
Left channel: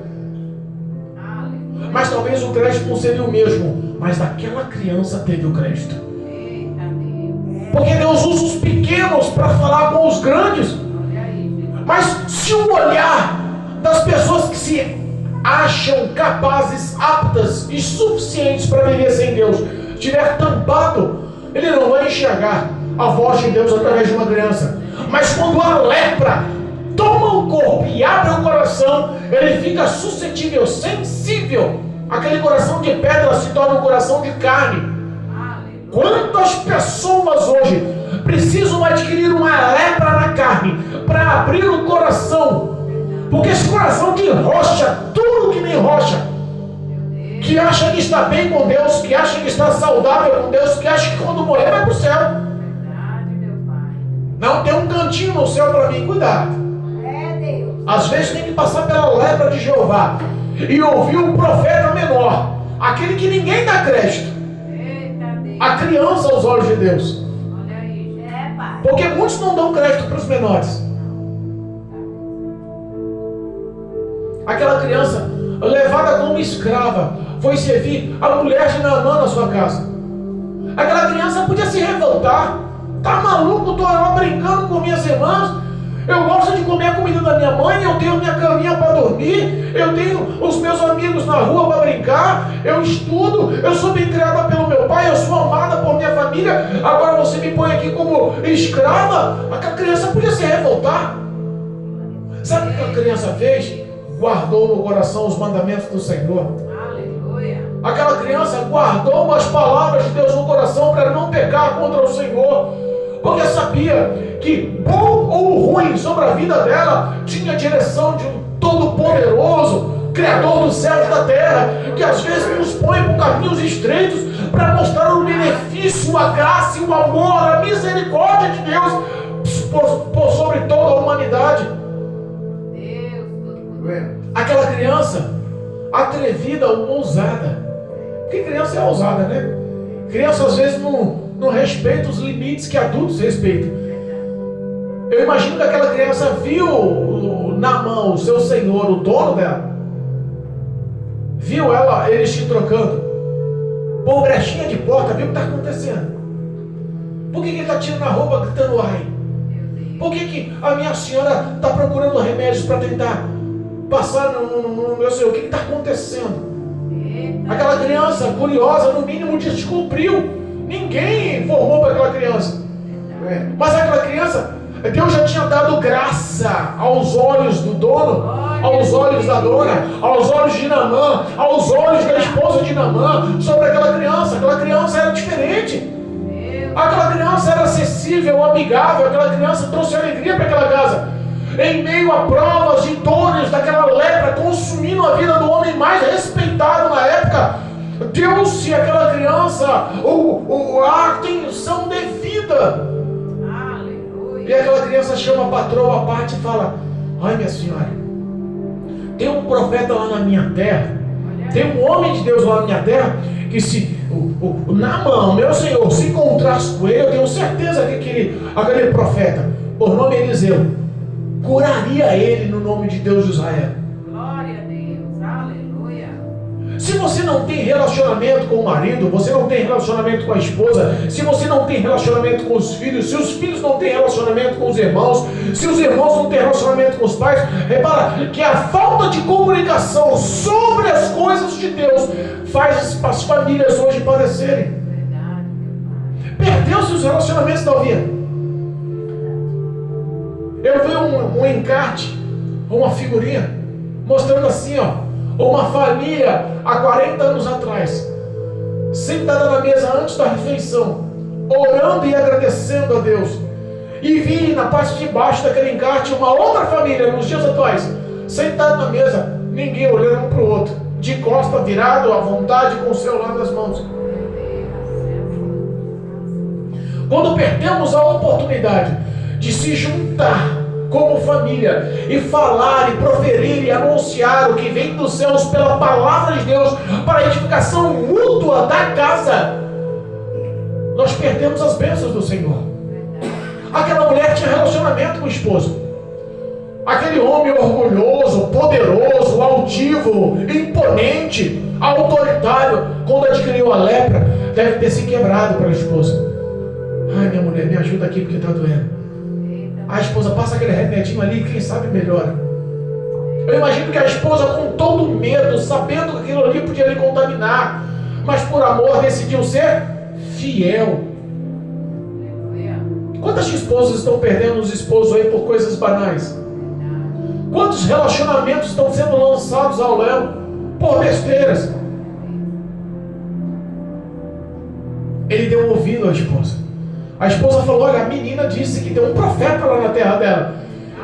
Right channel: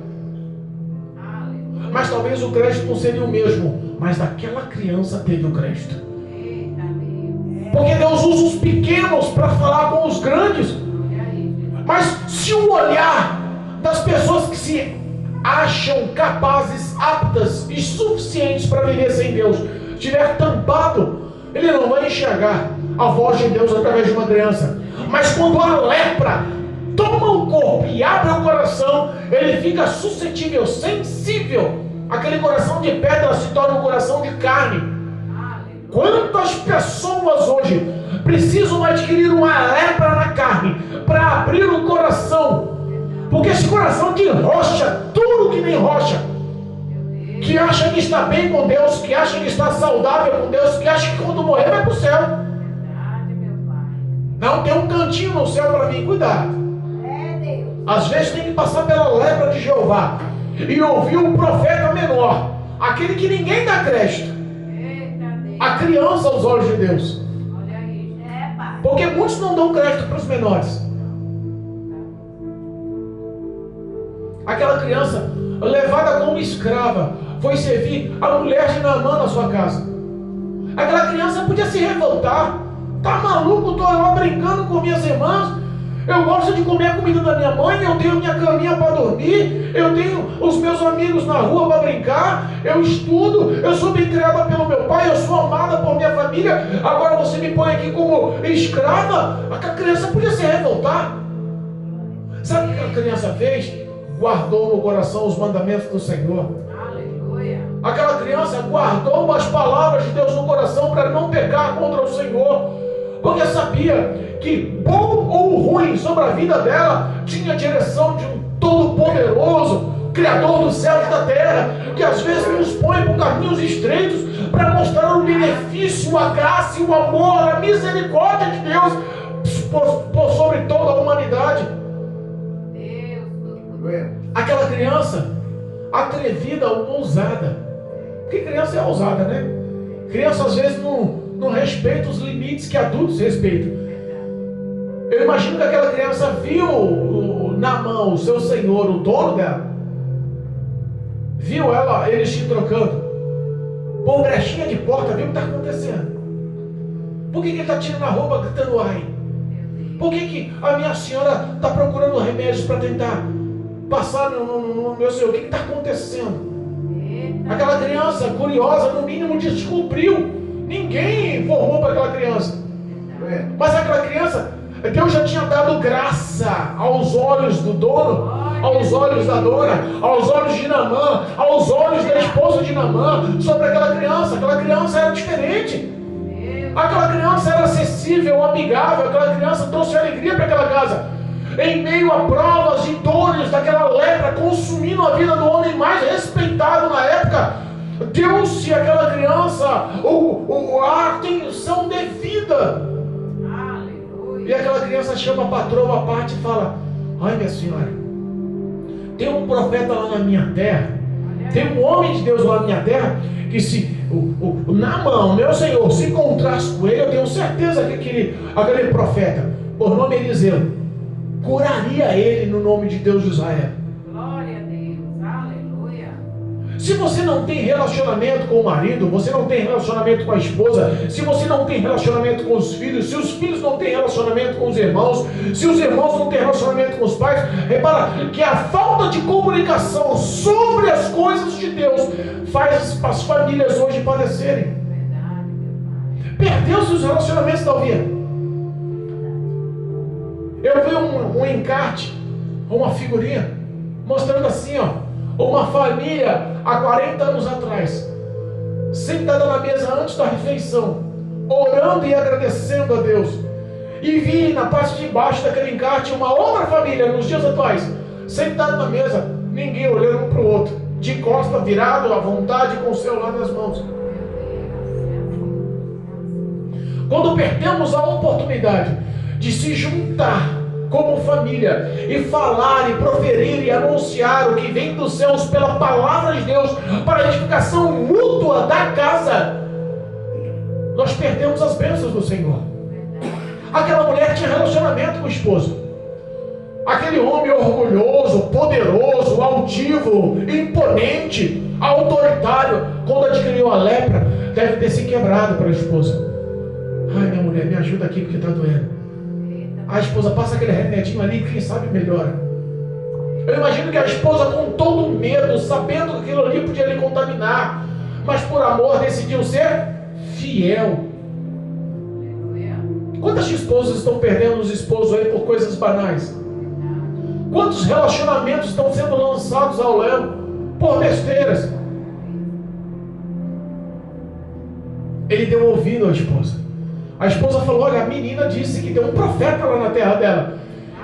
mas talvez o crédito não seria o mesmo, mas daquela criança teve o crédito. Porque Deus usa os pequenos para falar com os grandes. Mas se o olhar das pessoas que se acham capazes, aptas e suficientes para viver sem Deus estiver tampado, ele não vai enxergar a voz de Deus através de uma criança. Mas quando a lepra toma o corpo e abre o coração, ele fica suscetível, sensível. Aquele coração de pedra se torna um coração de carne. Quantas pessoas hoje precisam adquirir uma lepra na carne para abrir o coração? Porque esse coração de rocha, tudo que nem rocha, que acha que está bem com Deus, que acha que está saudável com Deus, que acha que quando morrer vai para o céu. Não tem um cantinho no céu para mim, cuidado. Às vezes tem que passar pela lepra de Jeová e ouvir o profeta menor, aquele que ninguém dá crédito, a criança aos olhos de Deus. Porque muitos não dão crédito para os menores. Aquela criança levada como escrava foi servir a mulher de Naamã na sua casa. Aquela criança podia se revoltar. Tá maluco? Estou lá brincando com minhas irmãs. Eu gosto de comer a comida da minha mãe, eu tenho minha caminha para dormir, eu tenho os meus amigos na rua para brincar, eu estudo, eu sou bem criada pelo meu pai, eu sou amada por minha família, agora você me põe aqui como escrava? Aquela criança podia se revoltar. Sabe o que a criança fez? Guardou no coração os mandamentos do Senhor. Aleluia. Aquela criança guardou as palavras de Deus no coração para não pecar contra o Senhor, porque sabia que bom ou ruim sobre a vida dela tinha a direção de um Todo-Poderoso, Criador dos céus e da terra, que às vezes nos põe por caminhos estreitos para mostrar o benefício, a graça e o amor, a misericórdia de Deus por sobre toda a humanidade. Aquela criança atrevida, ousada, porque criança é ousada, né? Criança às vezes não respeita os limites que adultos respeitam. Eu imagino que aquela criança viu Naamã, o seu senhor, o dono dela, viu eles te trocando por brechinha de porta, viu o que está acontecendo. Por que ele está tirando a roupa gritando ai? Por que a minha senhora está procurando remédios para tentar passar no meu senhor? O que está acontecendo? Aquela criança curiosa, no mínimo, descobriu. Ninguém informou para aquela criança. Mas aquela criança, Deus já tinha dado graça aos olhos do dono, aos olhos da dona, aos olhos de Naamã, aos olhos da esposa de Naamã, sobre aquela criança. Aquela criança era diferente. Aquela criança era acessível, amigável. Aquela criança trouxe alegria para aquela casa. Em meio a provas e dores daquela lepra consumindo a vida do homem mais respeitado na época, deu-se àquela criança a atenção devida. E aquela criança chama a patroa à parte e fala: olha, minha senhora, tem um profeta lá na minha terra, tem um homem de Deus lá na minha terra, que se o Naamã, meu senhor, se encontrasse com ele, eu tenho certeza que aquele profeta, por nome Eliseu, curaria ele no nome de Deus de Israel. Glória a Deus, aleluia. Se você não tem relacionamento com o marido, você não tem relacionamento com a esposa, se você não tem relacionamento com os filhos, se os filhos não têm relacionamento com os irmãos, se os irmãos não têm relacionamento com os pais, repara que a falta de comunicação sobre as coisas de Deus faz as famílias hoje padecerem. Perdeu-se os relacionamentos da vida. Eu vi um encarte, uma figurinha, mostrando assim, uma família há 40 anos atrás, sentada na mesa antes da refeição, orando e agradecendo a Deus. E vi na parte de baixo daquele encarte uma outra família, nos dias atuais, sentada na mesa, ninguém olhando um para o outro, de costa virado, à vontade, com o celular nas mãos. Quando perdemos a oportunidade de se juntar como família e falar e proferir e anunciar o que vem dos céus pela palavra de Deus para a edificação mútua da casa, nós perdemos as bênçãos do Senhor. Aquela mulher tinha relacionamento com o esposo. Aquele homem orgulhoso, poderoso, altivo, imponente, autoritário, quando adquiriu a lepra, deve ter se quebrado para a esposa. Ai, minha mulher, me ajuda aqui porque está doendo. A esposa passa aquele remedinho ali, quem sabe melhora. Eu imagino que a esposa, com todo medo, sabendo que aquilo ali podia lhe contaminar, mas por amor decidiu ser fiel. Quantas esposas estão perdendo os esposos aí por coisas banais? Quantos relacionamentos estão sendo lançados ao léu por besteiras? Ele deu ouvido à esposa. A esposa falou: olha, a menina disse que tem um profeta lá na terra dela.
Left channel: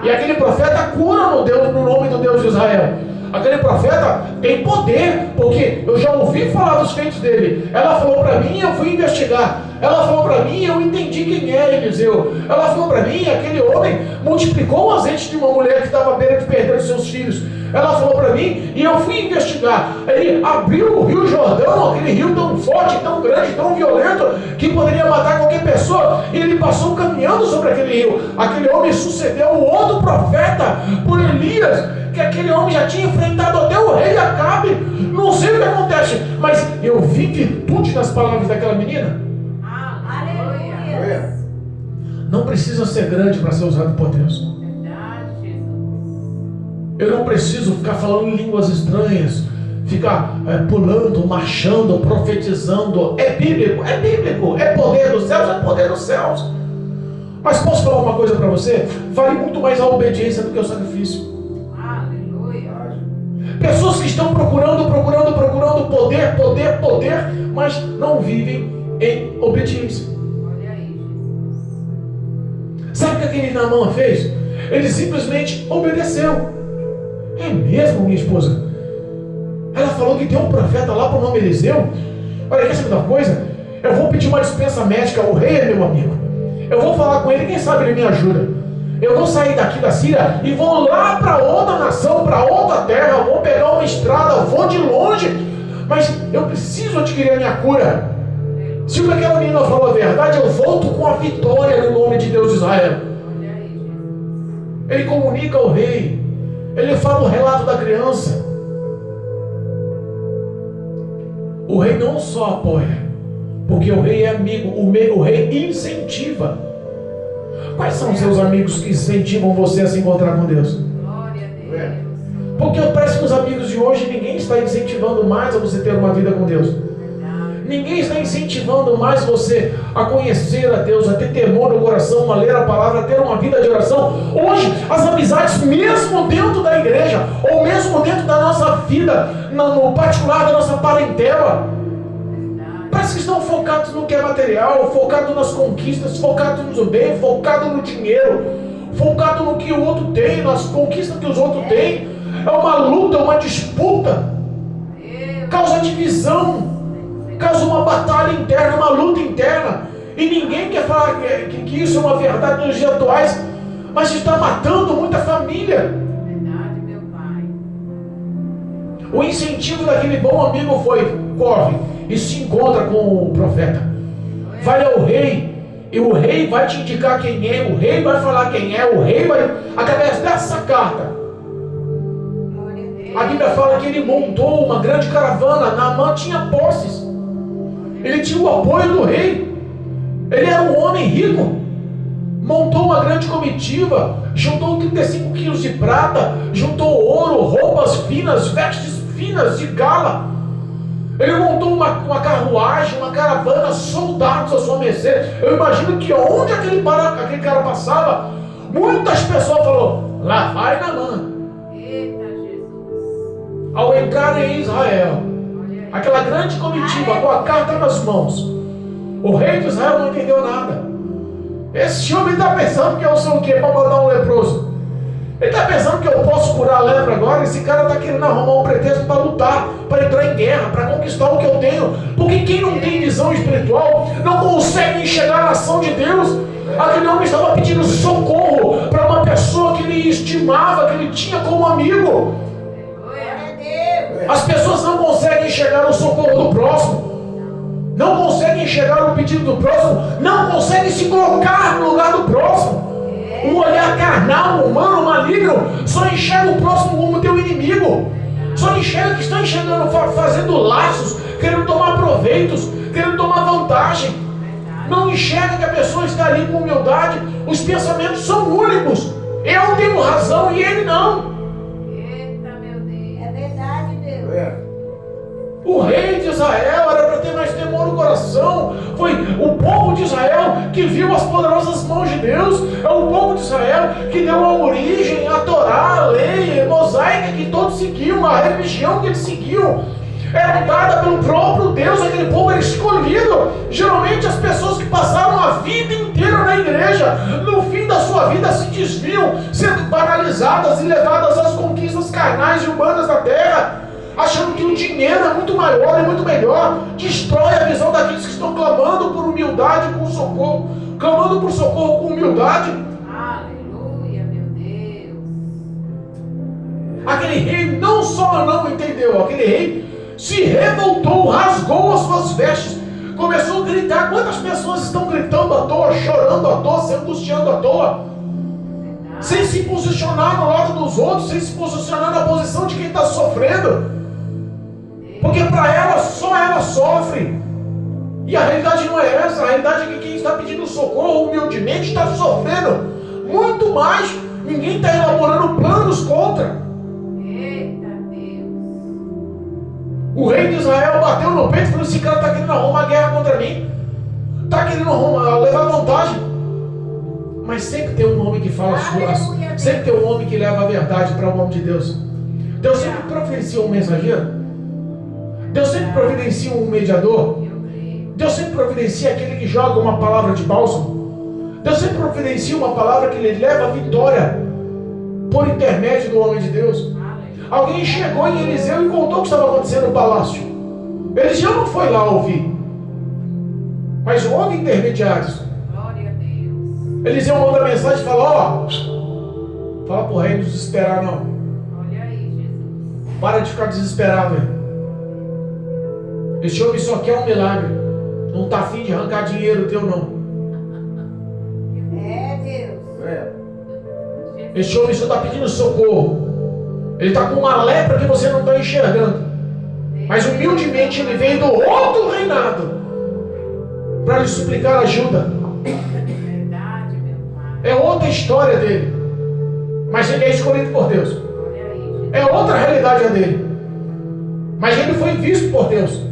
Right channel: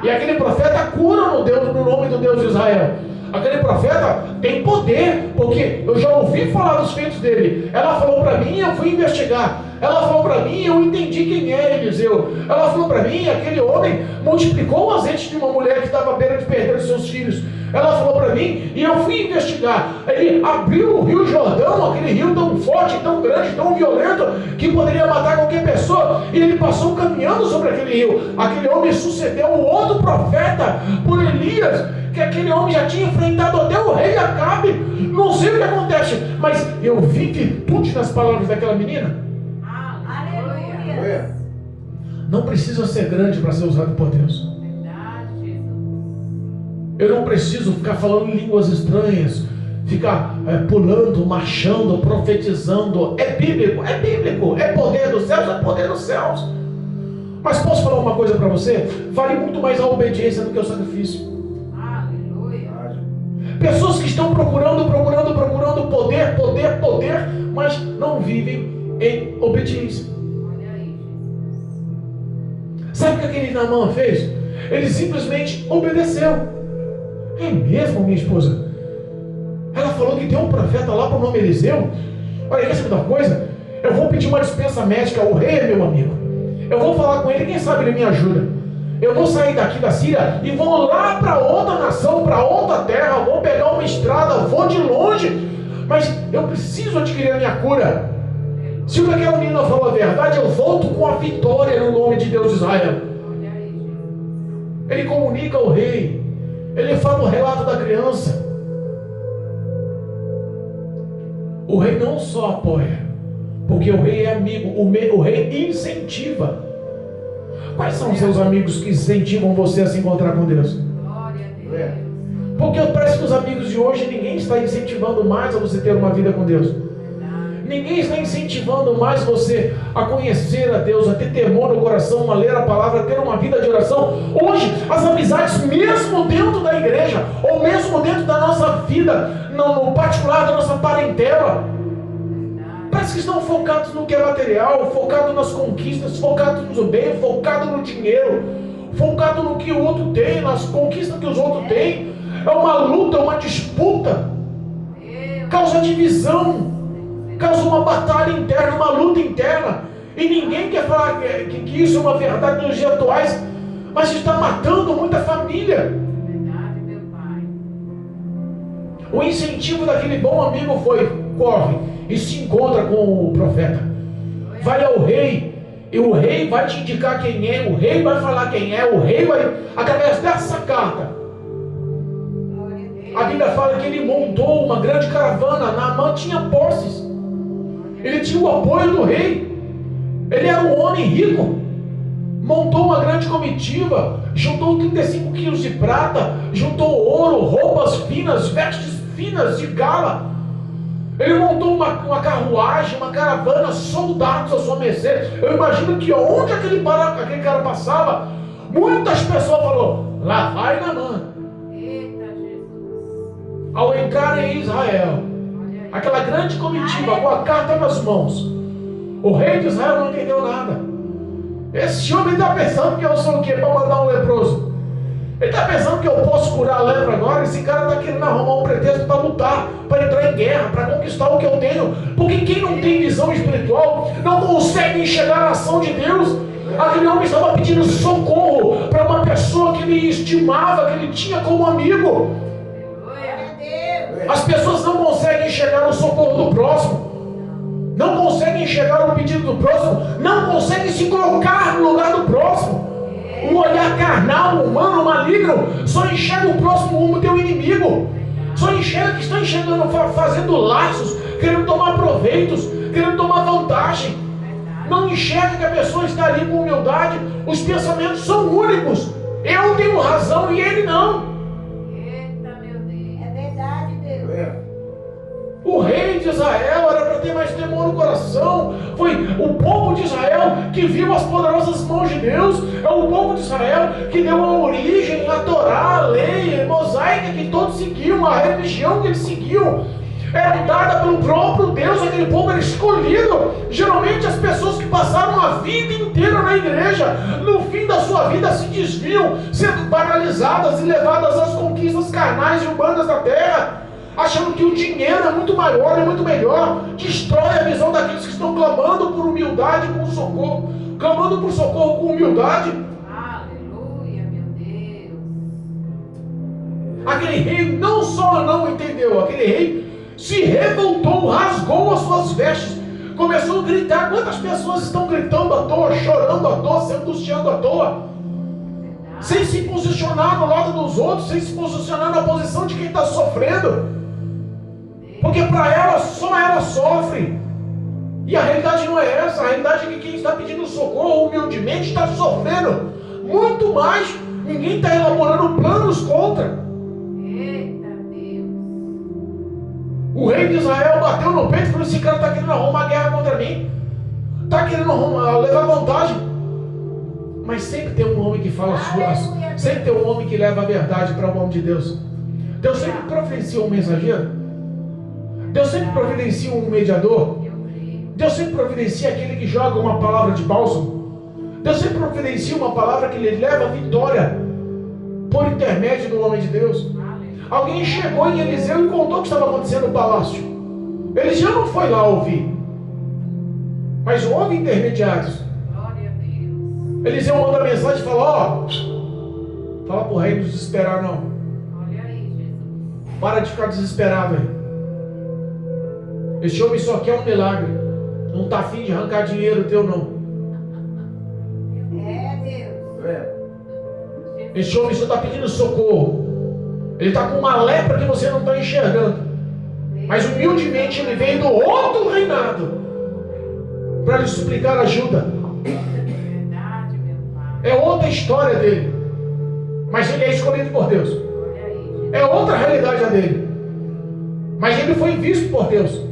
E aquele profeta cura no nome do Deus de Israel. Aquele profeta tem poder, porque eu já ouvi falar dos feitos dele. Ela falou para mim, eu fui investigar. Ela falou para mim, eu entendi quem é Eliseu. Ela falou para mim, aquele homem multiplicou o azeite de uma mulher que estava à beira de perder os seus filhos. Ela falou para mim, e eu fui investigar. Ele abriu o Rio Jordão, aquele rio tão forte, tão grande, tão violento, que poderia matar qualquer pessoa, e ele passou caminhando sobre aquele rio. Aquele homem sucedeu um outro profeta por Elias, que aquele homem já tinha enfrentado até o rei Acabe. Não sei o que acontece, mas eu vi virtude nas palavras daquela menina. Aleluia. Não precisa ser grande para ser usado por Deus. Eu não preciso ficar falando em línguas estranhas, ficar pulando, marchando, profetizando. É bíblico, é poder dos céus, é poder dos céus. Mas posso falar uma coisa para você? Vale muito mais a obediência do que o sacrifício. Aleluia. Pessoas que estão procurando poder, mas não vivem em obediência. Olha aí, Jesus. Sabe o que aquele Naamã fez? Ele simplesmente obedeceu. É mesmo, minha esposa? Ela falou que tem um profeta lá por nome Eliseu. Olha, quer saber da coisa? Eu vou pedir uma dispensa médica. O rei é meu amigo. Eu vou falar com ele, quem sabe ele me ajuda. Eu vou sair daqui da Síria e vou lá para outra nação, para outra terra. Vou pegar uma estrada, vou de longe, mas eu preciso adquirir a minha cura. Se o que aquela menina falou a verdade, eu volto com a vitória no nome de Deus de Israel. Olha aí, Jesus. Ele comunica ao rei. Ele fala o relato da criança. O rei não só apoia, porque o rei é amigo, o rei incentiva. Quais são os seus amigos que incentivam você a se encontrar com Deus? Glória a Deus. Porque parece que os amigos de hoje, ninguém está incentivando mais a você ter uma vida com Deus. Ninguém está incentivando mais você a conhecer a Deus, a ter temor no coração, a ler a palavra, a ter uma vida de oração. Hoje, as amizades, mesmo dentro da igreja, ou mesmo dentro da nossa vida, no particular da nossa parentela, parece que estão focados no que é material, focados nas conquistas, focados no bem, focados no dinheiro, focados no que o outro tem, nas conquistas que os outros têm. É uma luta, uma disputa, causa divisão, causa uma batalha interna, uma luta interna, e ninguém quer falar que isso é uma verdade nos dias atuais, mas está matando muita família. Verdade, meu Pai. O incentivo daquele bom amigo foi: corre e se encontra com o profeta, vai ao rei, e o rei vai te indicar quem é, o rei vai falar quem é, o rei vai, através dessa carta, A Bíblia fala que ele montou uma grande caravana. Naamã tinha posses. Ele tinha o apoio do rei. Ele era um homem rico. Montou uma grande comitiva. Juntou 35 quilos de prata. Juntou ouro, roupas finas, vestes finas de gala. Ele montou uma carruagem, uma caravana, soldados à sua mercê. Eu imagino que onde aquele cara passava, muitas pessoas falaram: lá vai Naamã. Eita, Jesus. Ao entrar em Israel, Olha aí. aquela grande comitiva com a carta nas mãos, o rei de Israel não entendeu nada. Esse homem está pensando que eu sou o quê? Para mandar um leproso. Ele está pensando que eu posso curar a lepra agora. Esse cara está querendo arrumar um pretexto para lutar, para entrar em guerra, para conquistar o que eu tenho. Porque quem não tem visão espiritual não consegue enxergar a ação de Deus. Aquele homem estava pedindo socorro para uma pessoa que ele estimava, que ele tinha como amigo. Aleluia. As pessoas não conseguem enxergar o socorro do próximo, não conseguem enxergar o pedido do próximo, não conseguem se colocar no lugar do próximo. Um olhar carnal, humano, maligno, só enxerga o próximo como teu inimigo. Só enxerga que está enxergando, fazendo laços, querendo tomar proveitos, querendo tomar vantagem. Não enxerga que a pessoa está ali com humildade. Os pensamentos são únicos. Eu tenho razão e ele não. Eita, meu Deus. É verdade, Deus. O rei de Israel era para ter mais temor no coração. Foi o povo de Israel que viu as poderosas mãos de Deus. É o povo de Israel que deu a origem, a Torá, a lei, a mosaica que todos seguiam, a religião que eles seguiam. Era dada pelo próprio Deus. Aquele povo era escolhido. Geralmente as pessoas que passaram a vida inteira na igreja, no fim da sua vida se desviam, sendo paralisadas e levadas às conquistas carnais e humanas da terra, achando que o dinheiro é muito maior e muito melhor. Destrói a visão daqueles que estão clamando por humildade com socorro, clamando por socorro com humildade. Aleluia, meu Deus. Aquele rei não só não entendeu, aquele rei se revoltou, rasgou as suas vestes, começou a gritar. Quantas pessoas estão gritando à toa, chorando à toa, se angustiando à toa, sem se posicionar no lado dos outros, sem se posicionar na posição de quem está sofrendo? Porque para ela, só ela sofre. E a realidade não é essa. A realidade é que quem está pedindo socorro humildemente está sofrendo muito mais. Ninguém está elaborando planos contra. Eita, Deus. O rei de Israel bateu no peito e falou: esse cara está querendo arrumar uma guerra contra mim, está querendo levar vantagem. Mas sempre tem um homem que fala as coisas. Sempre tem um homem que leva a verdade para o nome de Deus. Deus sempre providencia um mensageiro. Deus sempre providencia um mediador. Eu creio. Deus sempre providencia aquele que joga uma palavra de bálsamo. Deus sempre providencia uma palavra que lhe leva a vitória por intermédio do homem de Deus. Aleluia. Alguém chegou em Eliseu e contou o que estava acontecendo no palácio. Eliseu não foi lá ouvir, mas houve intermediários. Glória a Deus. Eliseu manda mensagem e fala: fala para o rei não desesperar não. Olha aí, Jesus. Para de ficar desesperado aí. Esse homem só quer um milagre. Não está afim de arrancar dinheiro teu não. É, Deus. Esse homem só está pedindo socorro. Ele está com uma lepra que você não está enxergando. Mas humildemente ele veio do outro reinado para lhe suplicar ajuda. Verdade, meu Pai. É outra história dele. Mas ele é escolhido por Deus. Olha aí, Jesus. É outra realidade a dele. Mas ele foi visto por Deus.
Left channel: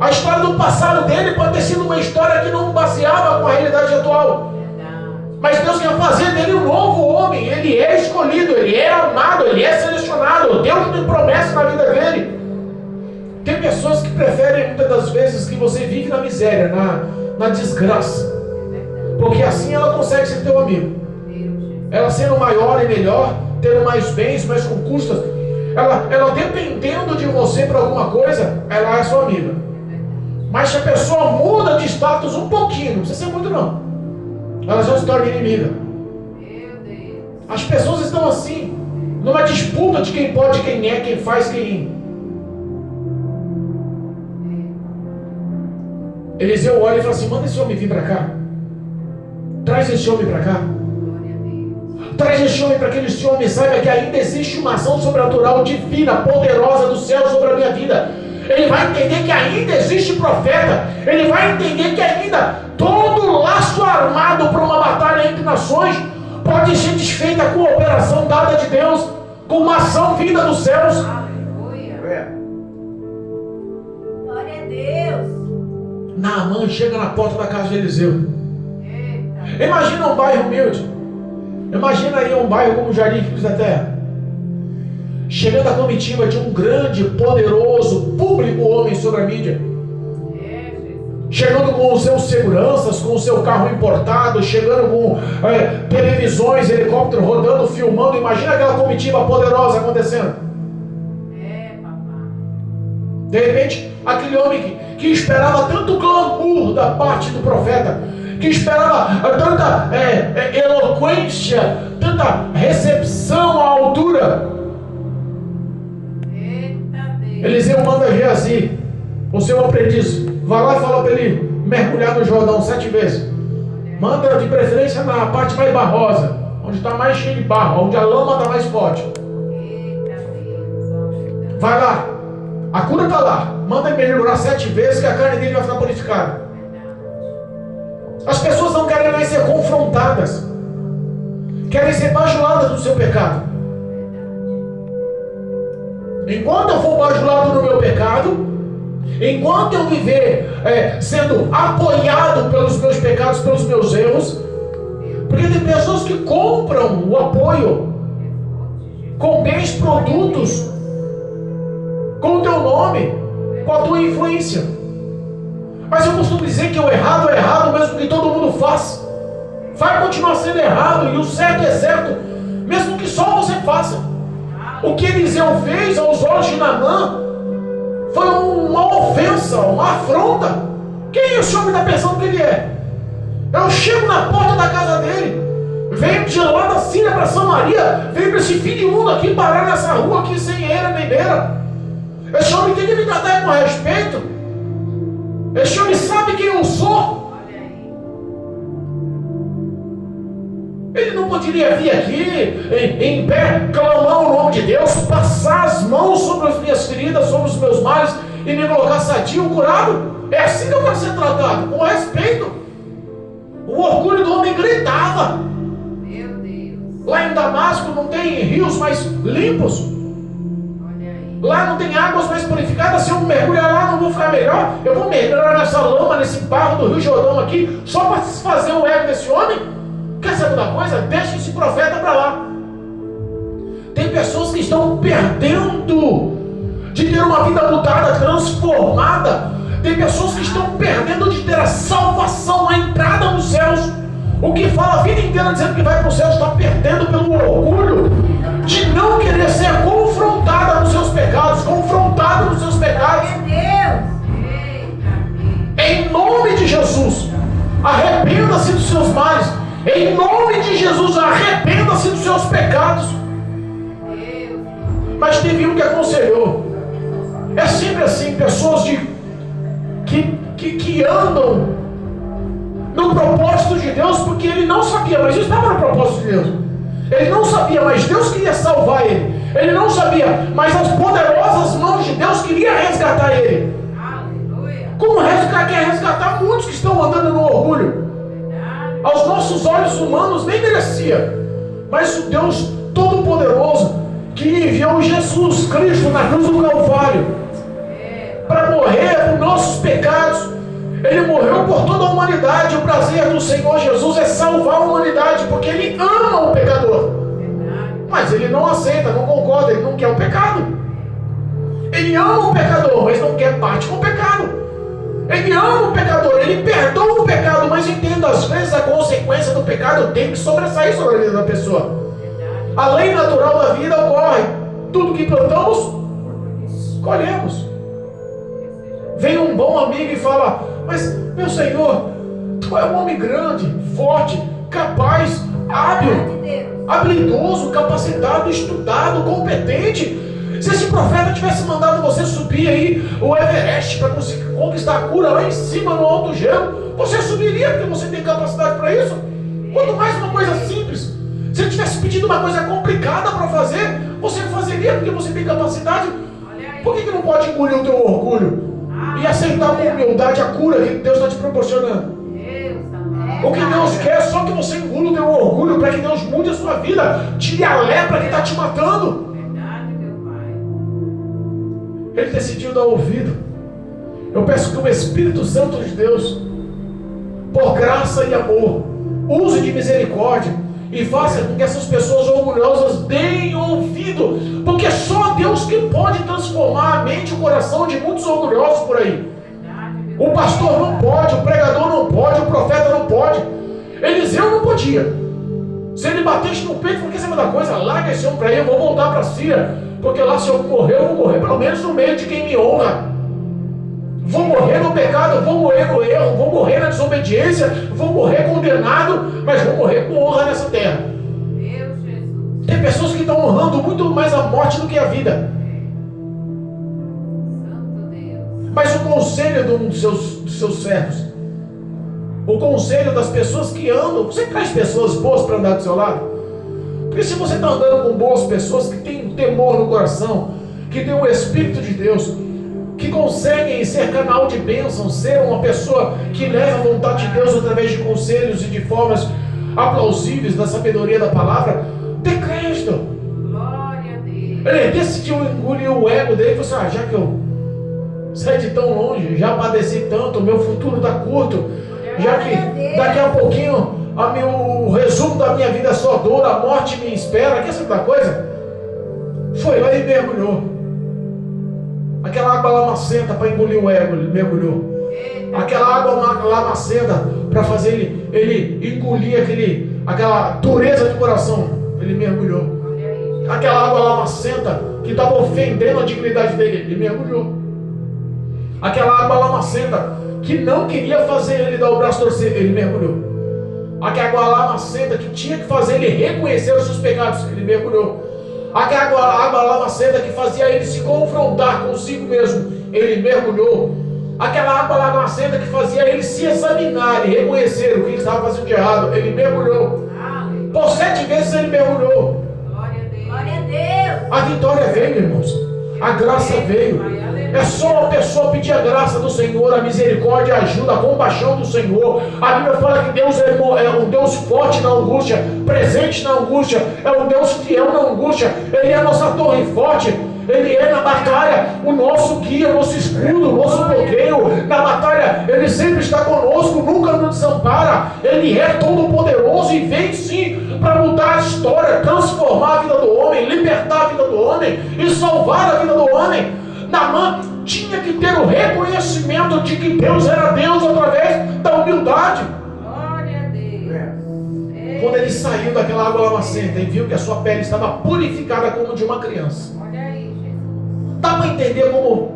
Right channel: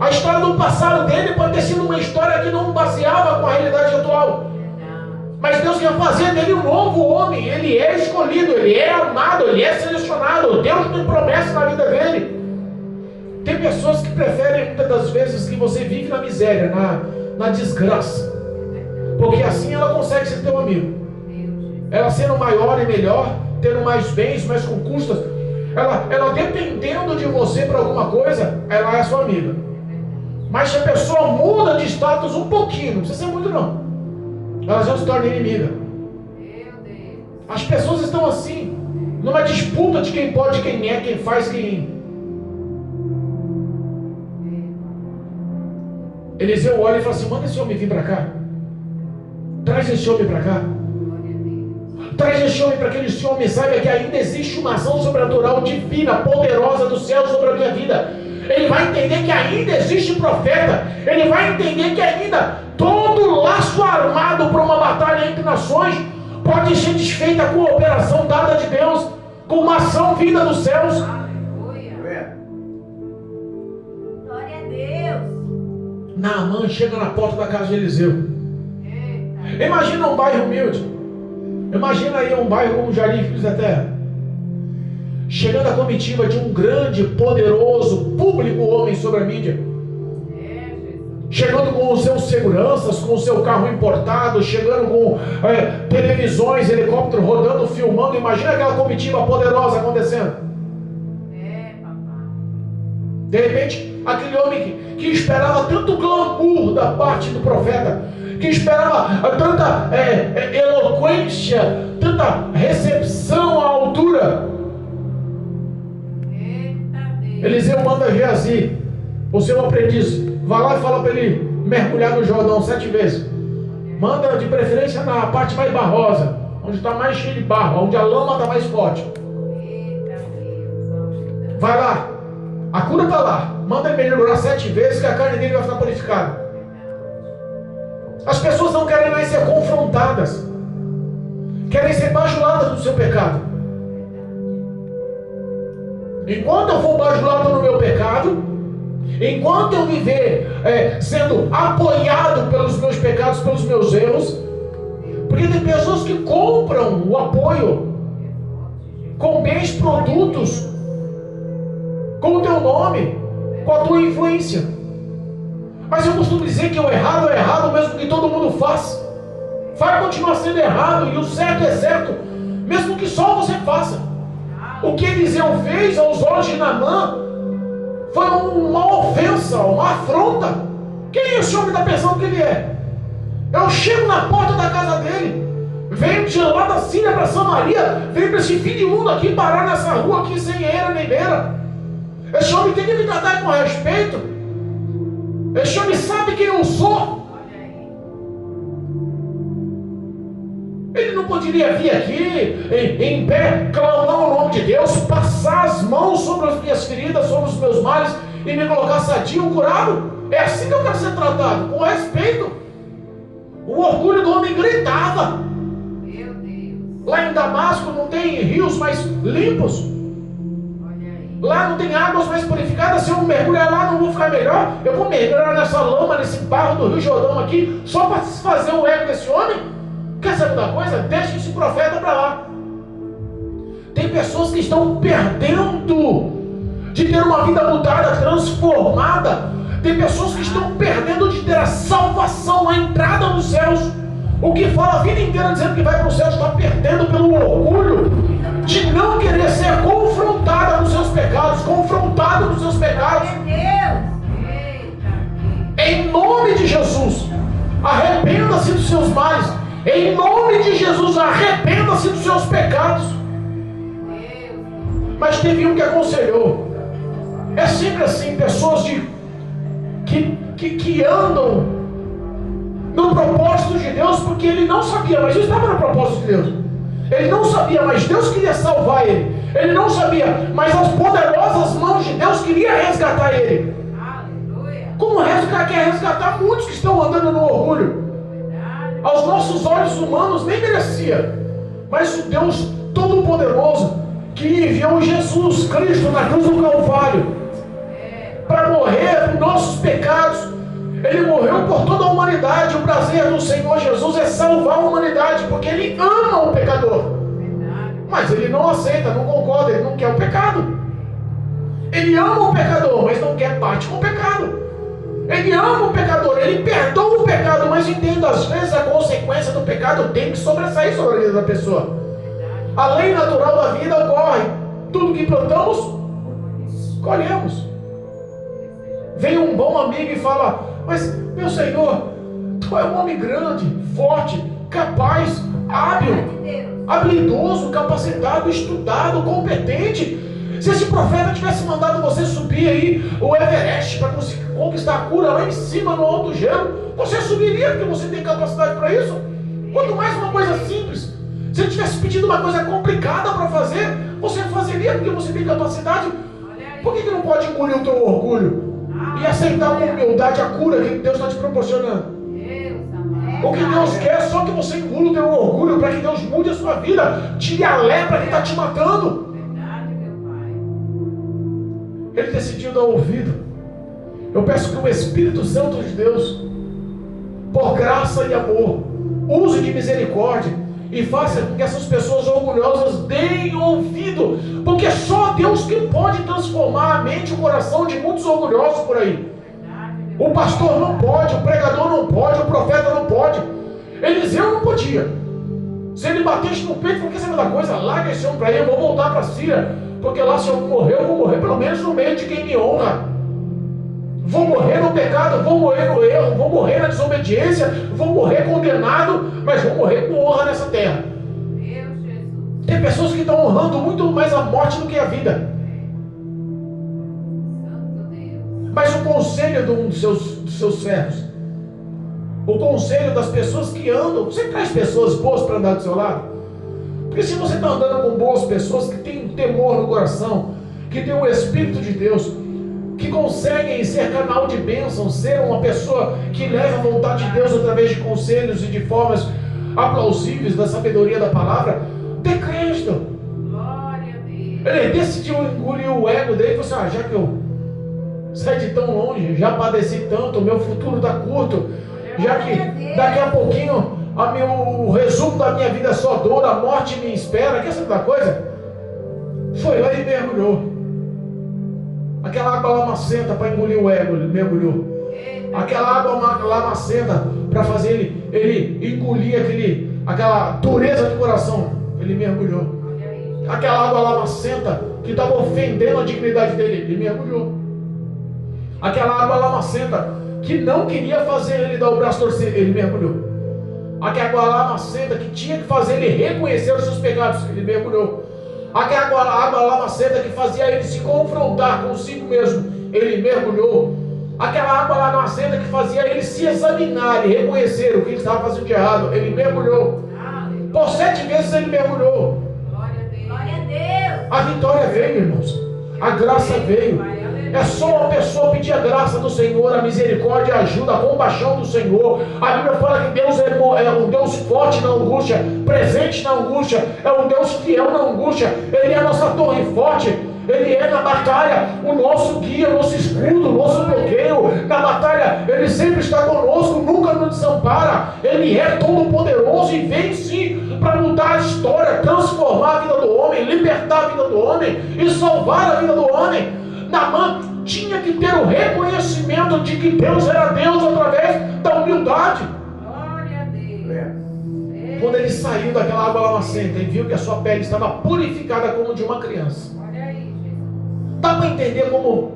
A história do passado dele pode ter sido uma história que não baseava com a realidade atual. Verdade. Mas Deus quer fazer dele um novo homem. Ele é escolhido, ele é amado, ele é selecionado. Deus tem promessa na vida dele. Tem pessoas que preferem muitas das vezes que você vive na miséria, na desgraça. Porque assim ela consegue ser teu amigo. Deus, Jesus. Ela sendo maior e melhor, tendo mais bens, mais conquistas, ela dependendo de você para alguma coisa, ela é sua amiga. Mas se a pessoa muda de status um pouquinho, não precisa ser muito não, ela já se torna inimiga. Meu Deus. As pessoas estão assim, numa disputa de quem pode, quem é, quem faz, quem... Eliseu olha e fala assim: manda esse homem vir para cá. Traz esse homem para cá. Glória a Deus. Traz este homem para que este homem saiba que ainda existe uma ação sobrenatural divina, poderosa do céu sobre a minha vida. Ele vai entender que ainda existe profeta. Ele vai entender que ainda todo laço armado para uma batalha entre nações pode ser desfeita com a operação dada de Deus, com uma ação vinda dos céus. Aleluia. Glória a Deus. Naamã chega na porta da casa de Eliseu. Eita. Imagina um bairro humilde. Imagina aí um bairro como Jardim Filhos da Terra. Chegando a comitiva de um grande, poderoso, público homem sobre a mídia. É, Jesus. Chegando com os seus seguranças, com o seu carro importado, chegando com televisões, helicóptero rodando, filmando. Imagina aquela comitiva poderosa acontecendo. É, papai. De repente, aquele homem que esperava tanto glamour da parte do profeta, que esperava tanta eloquência, tanta recepção à altura. Eita Deus. Eliseu manda Geazi, o seu aprendiz, vai lá e fala para ele mergulhar no Jordão 7 vezes. Manda de preferência na parte mais barrosa, onde está mais cheio de barro, onde a lama está mais forte. Eita Deus. Vai lá, a cura está lá. Manda ele mergulhar 7 vezes que a carne dele vai ficar purificada. As pessoas não querem mais ser confrontadas, querem ser bajuladas do seu pecado. Enquanto eu for bajulado no meu pecado, enquanto eu viver sendo apoiado pelos meus pecados, pelos meus erros, porque tem pessoas que compram o apoio com bens, produtos, com o teu nome, com a tua influência. Mas eu costumo dizer que o errado é errado, mesmo que todo mundo faça. Vai continuar sendo errado, e o certo é certo, mesmo que só você faça. O que Eliseu fez aos olhos de Naamã foi uma ofensa, uma afronta. Quem o senhor está pensando que ele é? Eu chego na porta da casa dele, venho de lá da Síria para Samaria, venho para esse fim de mundo aqui parar nessa rua aqui sem eira nem beira. Esse homem tem que me tratar com respeito. Esse homem sabe quem eu sou. Olha aí. Ele não poderia vir aqui em pé, clamar o nome de Deus, passar as mãos sobre as minhas feridas, sobre os meus males e me colocar sadio, curado. É assim que eu quero ser tratado, com respeito. O orgulho do homem gritava. Meu Deus. Lá em Damasco não tem rios mais limpos. Olha aí. Lá não tem águas mais purificadas. Se eu mergulhar lá, não vou ficar melhor. Eu vou mergulhar nessa lama, nesse barro do Rio Jordão aqui, só para desfazer o ego desse homem. Quer saber da coisa? Deixa esse profeta para lá. Tem pessoas que estão perdendo de ter uma vida mudada, transformada. Tem pessoas que estão perdendo de ter a salvação, a entrada nos céus. O que fala a vida inteira dizendo que vai para o céu está perdendo pelo orgulho de não querer ser confrontada nos seus pecados, confrontado nos seus pecados. Glória Eita Deus. Em nome de Jesus, arrependa-se dos seus males. Em nome de Jesus, arrependa-se dos seus pecados. Deus. Mas teve um que aconselhou. É sempre assim, pessoas que andam no propósito de Deus, porque ele não sabia, mas isso estava no propósito de Deus. Ele não sabia, mas Deus queria salvar ele. Ele não sabia, mas as poderosas mãos de Deus queriam resgatar ele. Aleluia. Como quer resgatar muitos que estão andando no orgulho. Verdade. Aos nossos olhos humanos nem merecia, mas o Deus Todo-Poderoso que enviou Jesus Cristo na cruz do Calvário para morrer por nossos pecados. Ele morreu por toda a humanidade. O prazer do Senhor Jesus é salvar a humanidade, porque Ele ama o pecador. Verdade. Mas Ele não aceita, não concorda, Ele não quer o pecado. Ele ama o pecador, mas não quer parte com o pecado. Ele ama o pecador, Ele perdoa o pecado, mas entenda, às vezes a consequência do pecado tem que sobressair sobre a vida da pessoa. A lei natural da vida ocorre. Tudo que plantamos, colhemos. Vem um bom amigo e fala: mas meu Senhor, tu é um homem grande, forte, capaz, hábil, habilidoso, capacitado, estudado, competente. Se esse profeta tivesse mandado você subir aí o Everest para conseguir conquistar a cura lá em cima no alto gelo, você subiria porque você tem capacidade para isso? Quanto mais uma coisa simples. Se ele tivesse pedido uma coisa complicada para fazer, você fazeria porque você tem capacidade. Por que não pode engolir o teu orgulho e aceitar com humildade a cura que Deus está te proporcionando? O que Deus quer é só que você engula o teu orgulho para que Deus mude a sua vida, tire a lepra que está te matando. Ele decidiu dar ouvido. Eu peço que o Espírito Santo de Deus, por graça e amor, use de misericórdia e faça com que essas pessoas orgulhosas deem ouvido, porque é só Deus que pode transformar a mente e o coração de muitos orgulhosos por aí. O pastor não pode, o pregador não pode, o profeta não pode. Eliseu não podia. Se ele batesse no peito, falou: quer saber da coisa? Larga esse homem para aí, eu vou voltar para a Síria, porque lá se eu morrer, eu vou morrer pelo menos no meio de quem me honra. Vou morrer no pecado, vou morrer no erro, vou morrer na desobediência, vou morrer condenado, mas vou morrer com honra nessa terra. Tem pessoas que estão honrando muito mais a morte do que a vida. Mas o conselho dos seus servos, o conselho das pessoas que andam, você traz pessoas boas para andar do seu lado? Porque se você está andando com boas pessoas que têm temor no coração, que têm o Espírito de Deus, que conseguem ser canal de bênção, ser uma pessoa que leva a vontade de Deus através de conselhos e de formas aplausíveis da sabedoria da palavra, dê crédito. Glória a Deus. Ele decidiu engolir o ego dele e falou assim: já que eu saí de tão longe, já padeci tanto, o meu futuro está curto, já que daqui a pouquinho o resumo da minha vida é só dor, a morte me espera, quer saber da coisa? Foi lá e mergulhou. Aquela água lamacenta para engolir o ego, ele mergulhou. Aquela água lamacenta para fazer ele engolir aquela dureza de coração, ele mergulhou. Aquela água lamacenta que estava ofendendo a dignidade dele, ele mergulhou. Aquela água lamacenta que não queria fazer ele dar o braço torcer, ele mergulhou. Aquela água lamacenta que tinha que fazer ele reconhecer os seus pecados, ele mergulhou. Aquela água lamacenta que fazia ele se confrontar consigo mesmo, ele mergulhou. Aquela água lamacenta que fazia ele se examinar e reconhecer o que ele estava fazendo de errado, ele mergulhou. Por 7 vezes ele mergulhou. Glória a Deus. Glória a Deus. A vitória veio, irmãos. A graça veio. É só uma pessoa pedir a graça do Senhor, a misericórdia, a ajuda, a compaixão do Senhor. A Bíblia fala que Deus é um Deus forte na angústia, presente na angústia, é um Deus fiel na angústia. Ele é a nossa torre forte, Ele é na batalha o nosso guia, o nosso escudo, o nosso bloqueio. Na batalha Ele sempre está conosco, nunca nos desampara. Ele é todo poderoso e vem sim para mudar a história, transformar a vida do homem, libertar a vida do homem e salvar a vida do homem. Naamã tinha que ter o reconhecimento de que Deus era Deus através da humildade. Glória a Deus. Quando ele saiu daquela água lamacenta e viu que a sua pele estava purificada como de uma criança, Olha aí, Jesus. dá para entender como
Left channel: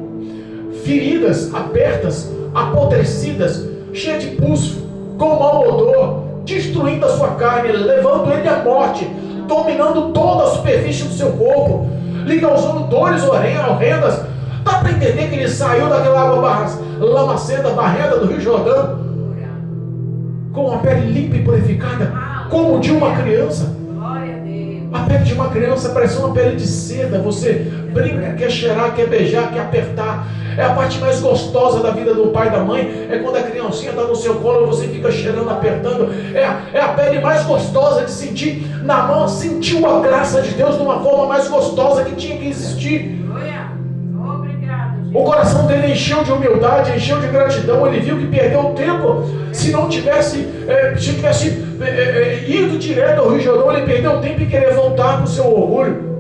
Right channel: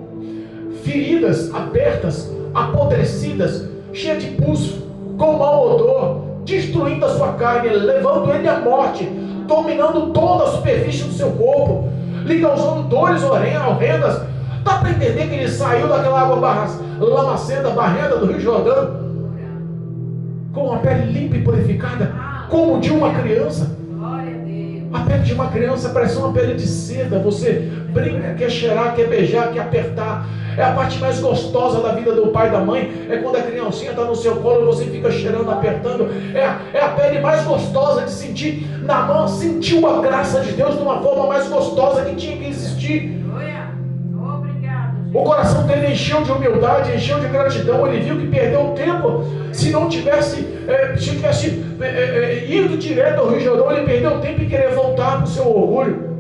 feridas abertas, apodrecidas, cheias de pus, com mau odor, destruindo a sua carne, levando ele à morte, dominando toda a superfície do seu corpo, lhe causando dores horrendas. Dá para entender que ele saiu daquela água lamacenta, barrenta do Rio Jordão, com a pele limpa e purificada, como de uma criança. Glória a Deus. A pele de uma criança parece uma pele de seda. Você brinca, quer cheirar, quer beijar, quer apertar. É a parte mais gostosa da vida do pai e da mãe. É quando a criancinha está no seu colo e você fica cheirando, apertando. É a pele mais gostosa de sentir. Naamã sentiu a graça de Deus de uma forma mais gostosa que tinha que existir. O coração dele encheu de humildade, encheu de gratidão. Ele viu que perdeu tempo. Se tivesse ido direto ao Rio Jordão, ele perdeu tempo e queria voltar para o seu orgulho.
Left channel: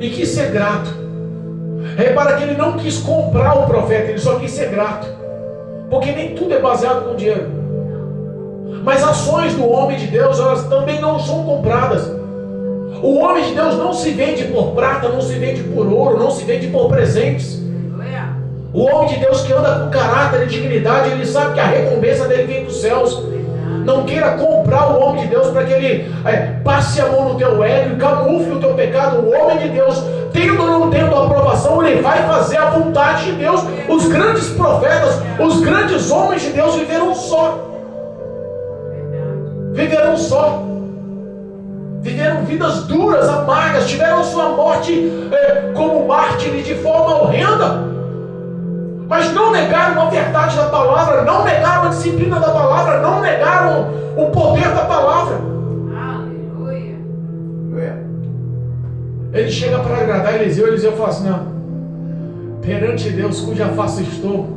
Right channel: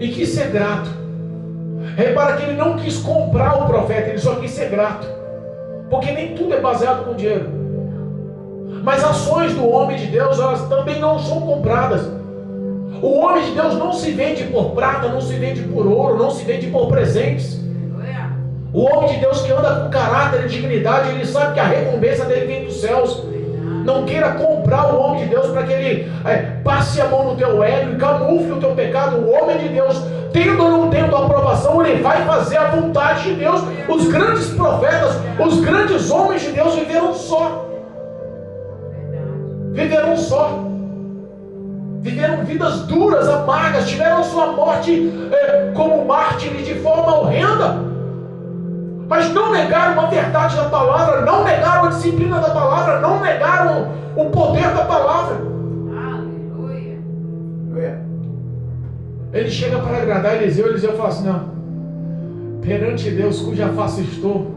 E quis ser grato. Repara que ele não quis comprar o profeta, ele só quis ser grato. Porque nem tudo é baseado com dinheiro. Mas ações do homem de Deus, elas também não são compradas. O homem de Deus não se vende por prata, não se vende por ouro, não se vende por presentes. O homem de Deus que anda com caráter e dignidade, ele sabe que a recompensa dele vem dos céus. Não queira comprar o homem de Deus para que ele passe a mão no teu ego e camufle o teu pecado. O homem de Deus, tendo ou não tendo a aprovação, ele vai fazer a vontade de Deus. Os grandes profetas, os grandes homens de Deus viveram só. viveram só. Viveram vidas duras, amargas, tiveram sua morte como mártires de forma horrenda. Mas não negaram a verdade da palavra, não negaram a disciplina da palavra, não negaram o poder da palavra. Aleluia. Ele chega para agradar Eliseu fala assim: não, perante Deus cuja face estou,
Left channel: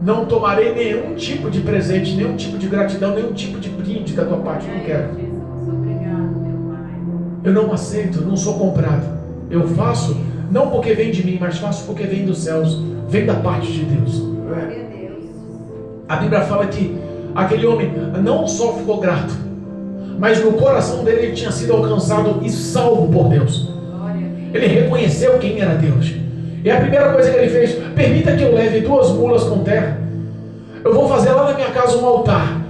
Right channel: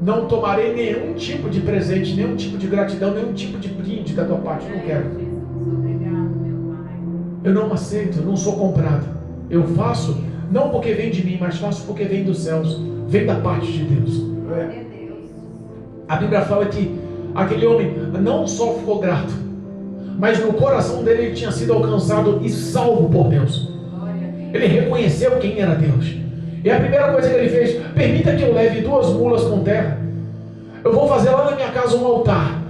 não tomarei nenhum tipo de presente, nenhum tipo de gratidão, nenhum tipo de brinde da tua parte, não quero. Obrigado, meu Pai. Eu não aceito, eu não sou comprado. Eu faço, não porque vem de mim, mas faço porque vem dos céus, vem da parte de Deus. A Bíblia fala que aquele homem não só ficou grato, mas no coração dele ele tinha sido alcançado e salvo por Deus. Ele reconheceu quem era Deus. E a primeira coisa que ele fez: permita que eu leve 2 mulas com terra. Eu vou fazer lá na minha casa um altar.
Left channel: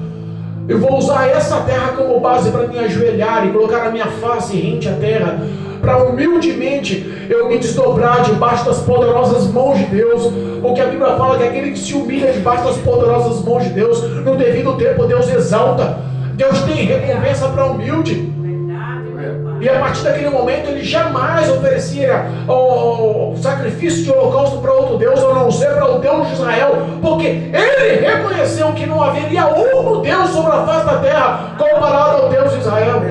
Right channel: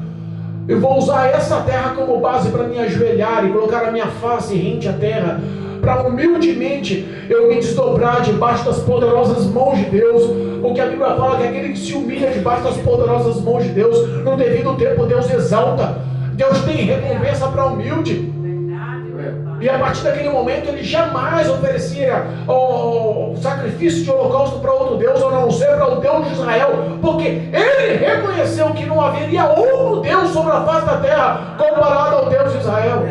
Eu vou usar essa terra como base para me ajoelhar e colocar a minha face rente à terra, para humildemente eu me desdobrar debaixo das poderosas mãos de Deus. Porque a Bíblia fala que aquele que se humilha debaixo das poderosas mãos de Deus, no devido tempo Deus exalta. Deus tem recompensa para humilde. E a partir daquele momento ele jamais oferecia o sacrifício de holocausto para outro Deus, a não ser para o Deus de Israel, porque ele reconheceu que não haveria outro Deus sobre a face da terra comparado ao Deus de Israel.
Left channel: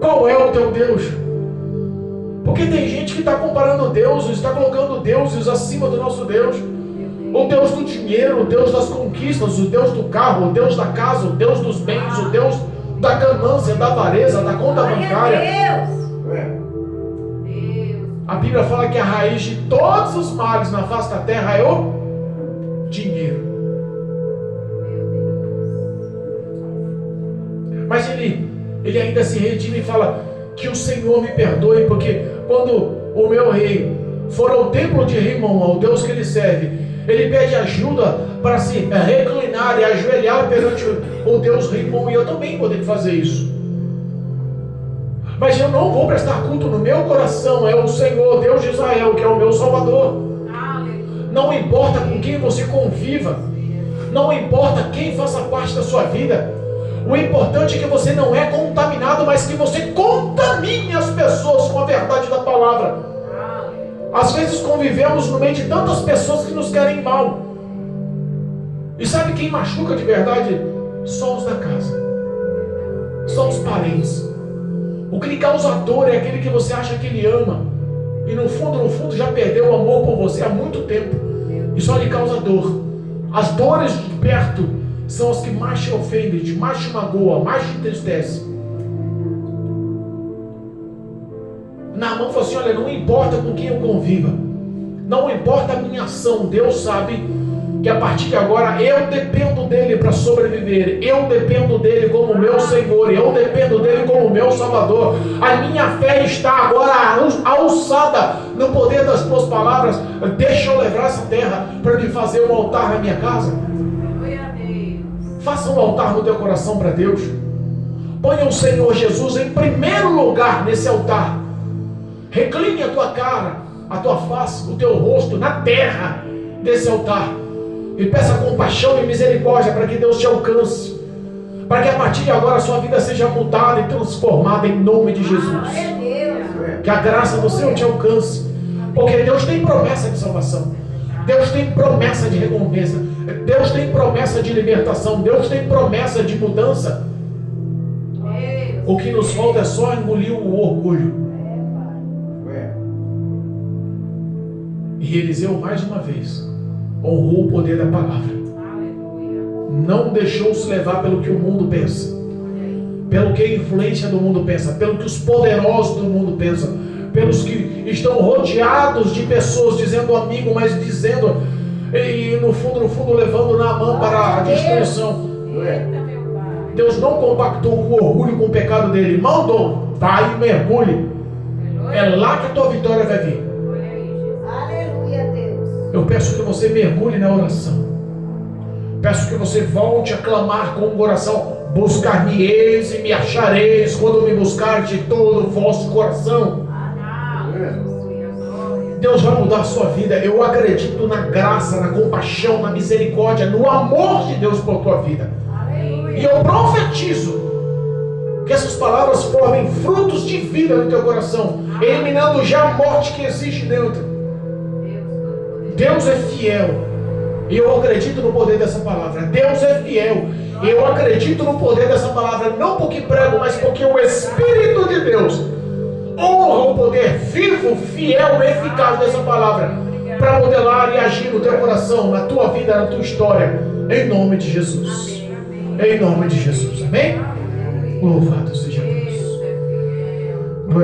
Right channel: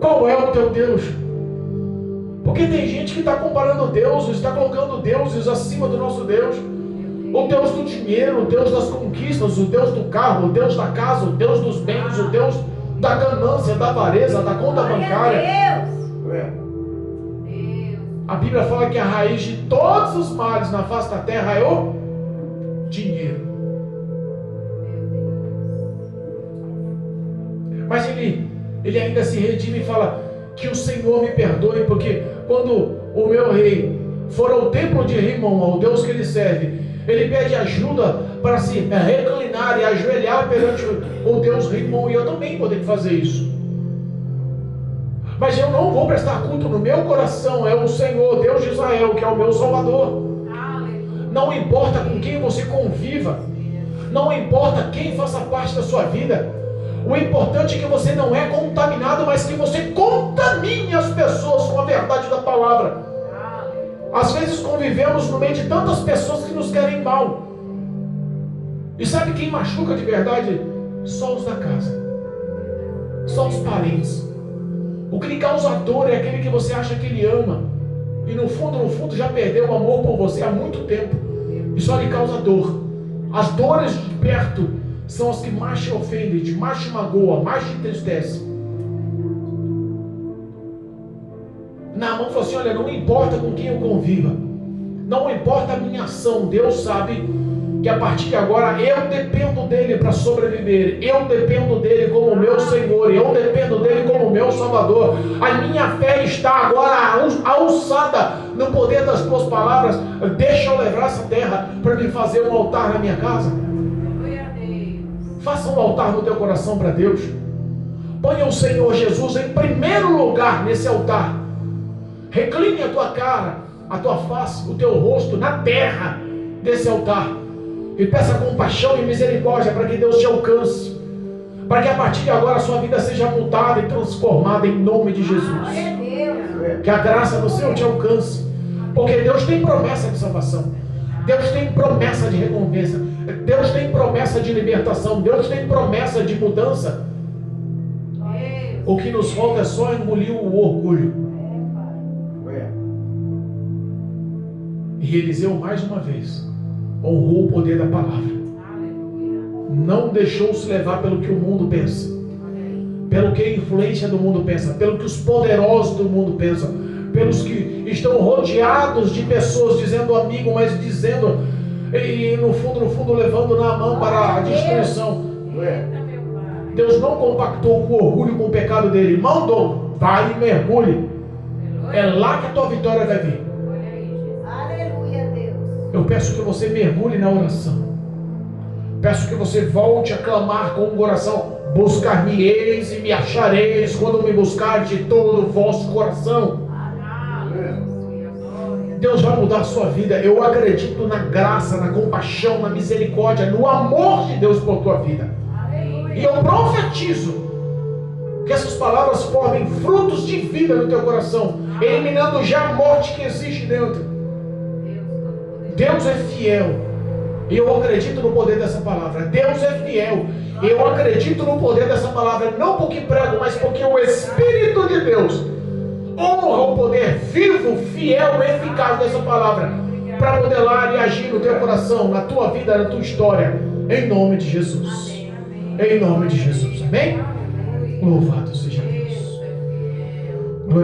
Qual é o teu Deus? Porque tem gente que está comparando deuses, está colocando deuses acima do nosso Deus. O Deus do dinheiro, o Deus das conquistas, o Deus do carro, o Deus da casa, o Deus dos bens, o Deus da ganância, da avareza, da conta bancária. A Bíblia fala que a raiz de todos os males na face da terra é o dinheiro. Mas ele ainda se redime e fala: que o Senhor me perdoe, porque quando o meu rei for ao templo de Rimon, ao Deus que ele serve, ele pede ajuda para se reclinar e ajoelhar perante o Deus Rimon, e eu também poder fazer isso. Mas eu não vou prestar culto no meu coração, é o Senhor, Deus de Israel, que é o meu Salvador. Não importa com quem você conviva, não importa quem faça parte da sua vida, o importante é que você não é contaminado, mas que você contamine as pessoas com a verdade da palavra. Às vezes convivemos no meio de tantas pessoas que nos querem mal. E sabe quem machuca de verdade? Só os da casa, só os parentes. O que lhe causa dor é aquele que você acha que ele ama, e no fundo já perdeu o amor por você há muito tempo, e só lhe causa dor. As dores de perto são as que mais te ofendem, mais te magoam, mais te entristecem. Naamã falou assim: olha, não importa com quem eu conviva, não importa a minha ação, Deus sabe que a partir de agora eu dependo dele para sobreviver, eu dependo dele como meu Senhor, eu dependo dele como meu Salvador. A minha fé está agora alçada no poder das tuas palavras. Deixa eu levar essa terra para me fazer um altar na minha casa. Faça um altar no teu coração para Deus. Ponha o Senhor Jesus em primeiro lugar nesse altar. Recline a tua cara, a tua face, o teu rosto na terra desse altar. E peça compaixão e misericórdia para que Deus te alcance. Para que a partir de agora a sua vida seja mudada e transformada em nome de Jesus. Que a graça do Senhor te alcance. Porque Deus tem promessa de salvação. Deus tem promessa de recompensa. Deus tem promessa de libertação. Deus tem promessa de mudança. O que nos falta é só engolir o orgulho. E Eliseu, mais uma vez, honrou o poder da palavra. Não deixou se levar pelo que o mundo pensa, pelo que a influência do mundo pensa, pelo que os poderosos do mundo pensam, pelos que estão rodeados de pessoas dizendo amigo, mas dizendo, e no fundo levando Naamã para a destruição. Deus não compactou com o orgulho, com o pecado dele, mandou: vai e mergulhe, é lá que a tua vitória vai vir. Eu peço que você mergulhe na oração. Peço que você volte a clamar com o coração: buscar-me-eis e me achareis, quando me buscar de todo o vosso coração. Deus vai mudar a sua vida. Eu acredito na graça, na compaixão, na misericórdia, no amor de Deus por tua vida. E eu profetizo que essas palavras formem frutos de vida no teu coração, eliminando já a morte que existe dentro. Deus é fiel. E eu acredito no poder dessa palavra. Deus é fiel. E eu acredito no poder dessa palavra, não porque prego, mas porque o Espírito de Deus honra o poder vivo, fiel e eficaz dessa palavra para modelar e agir no teu coração, na tua vida, na tua história, em nome de Jesus. Em nome de Jesus. Amém? Louvado seja Deus.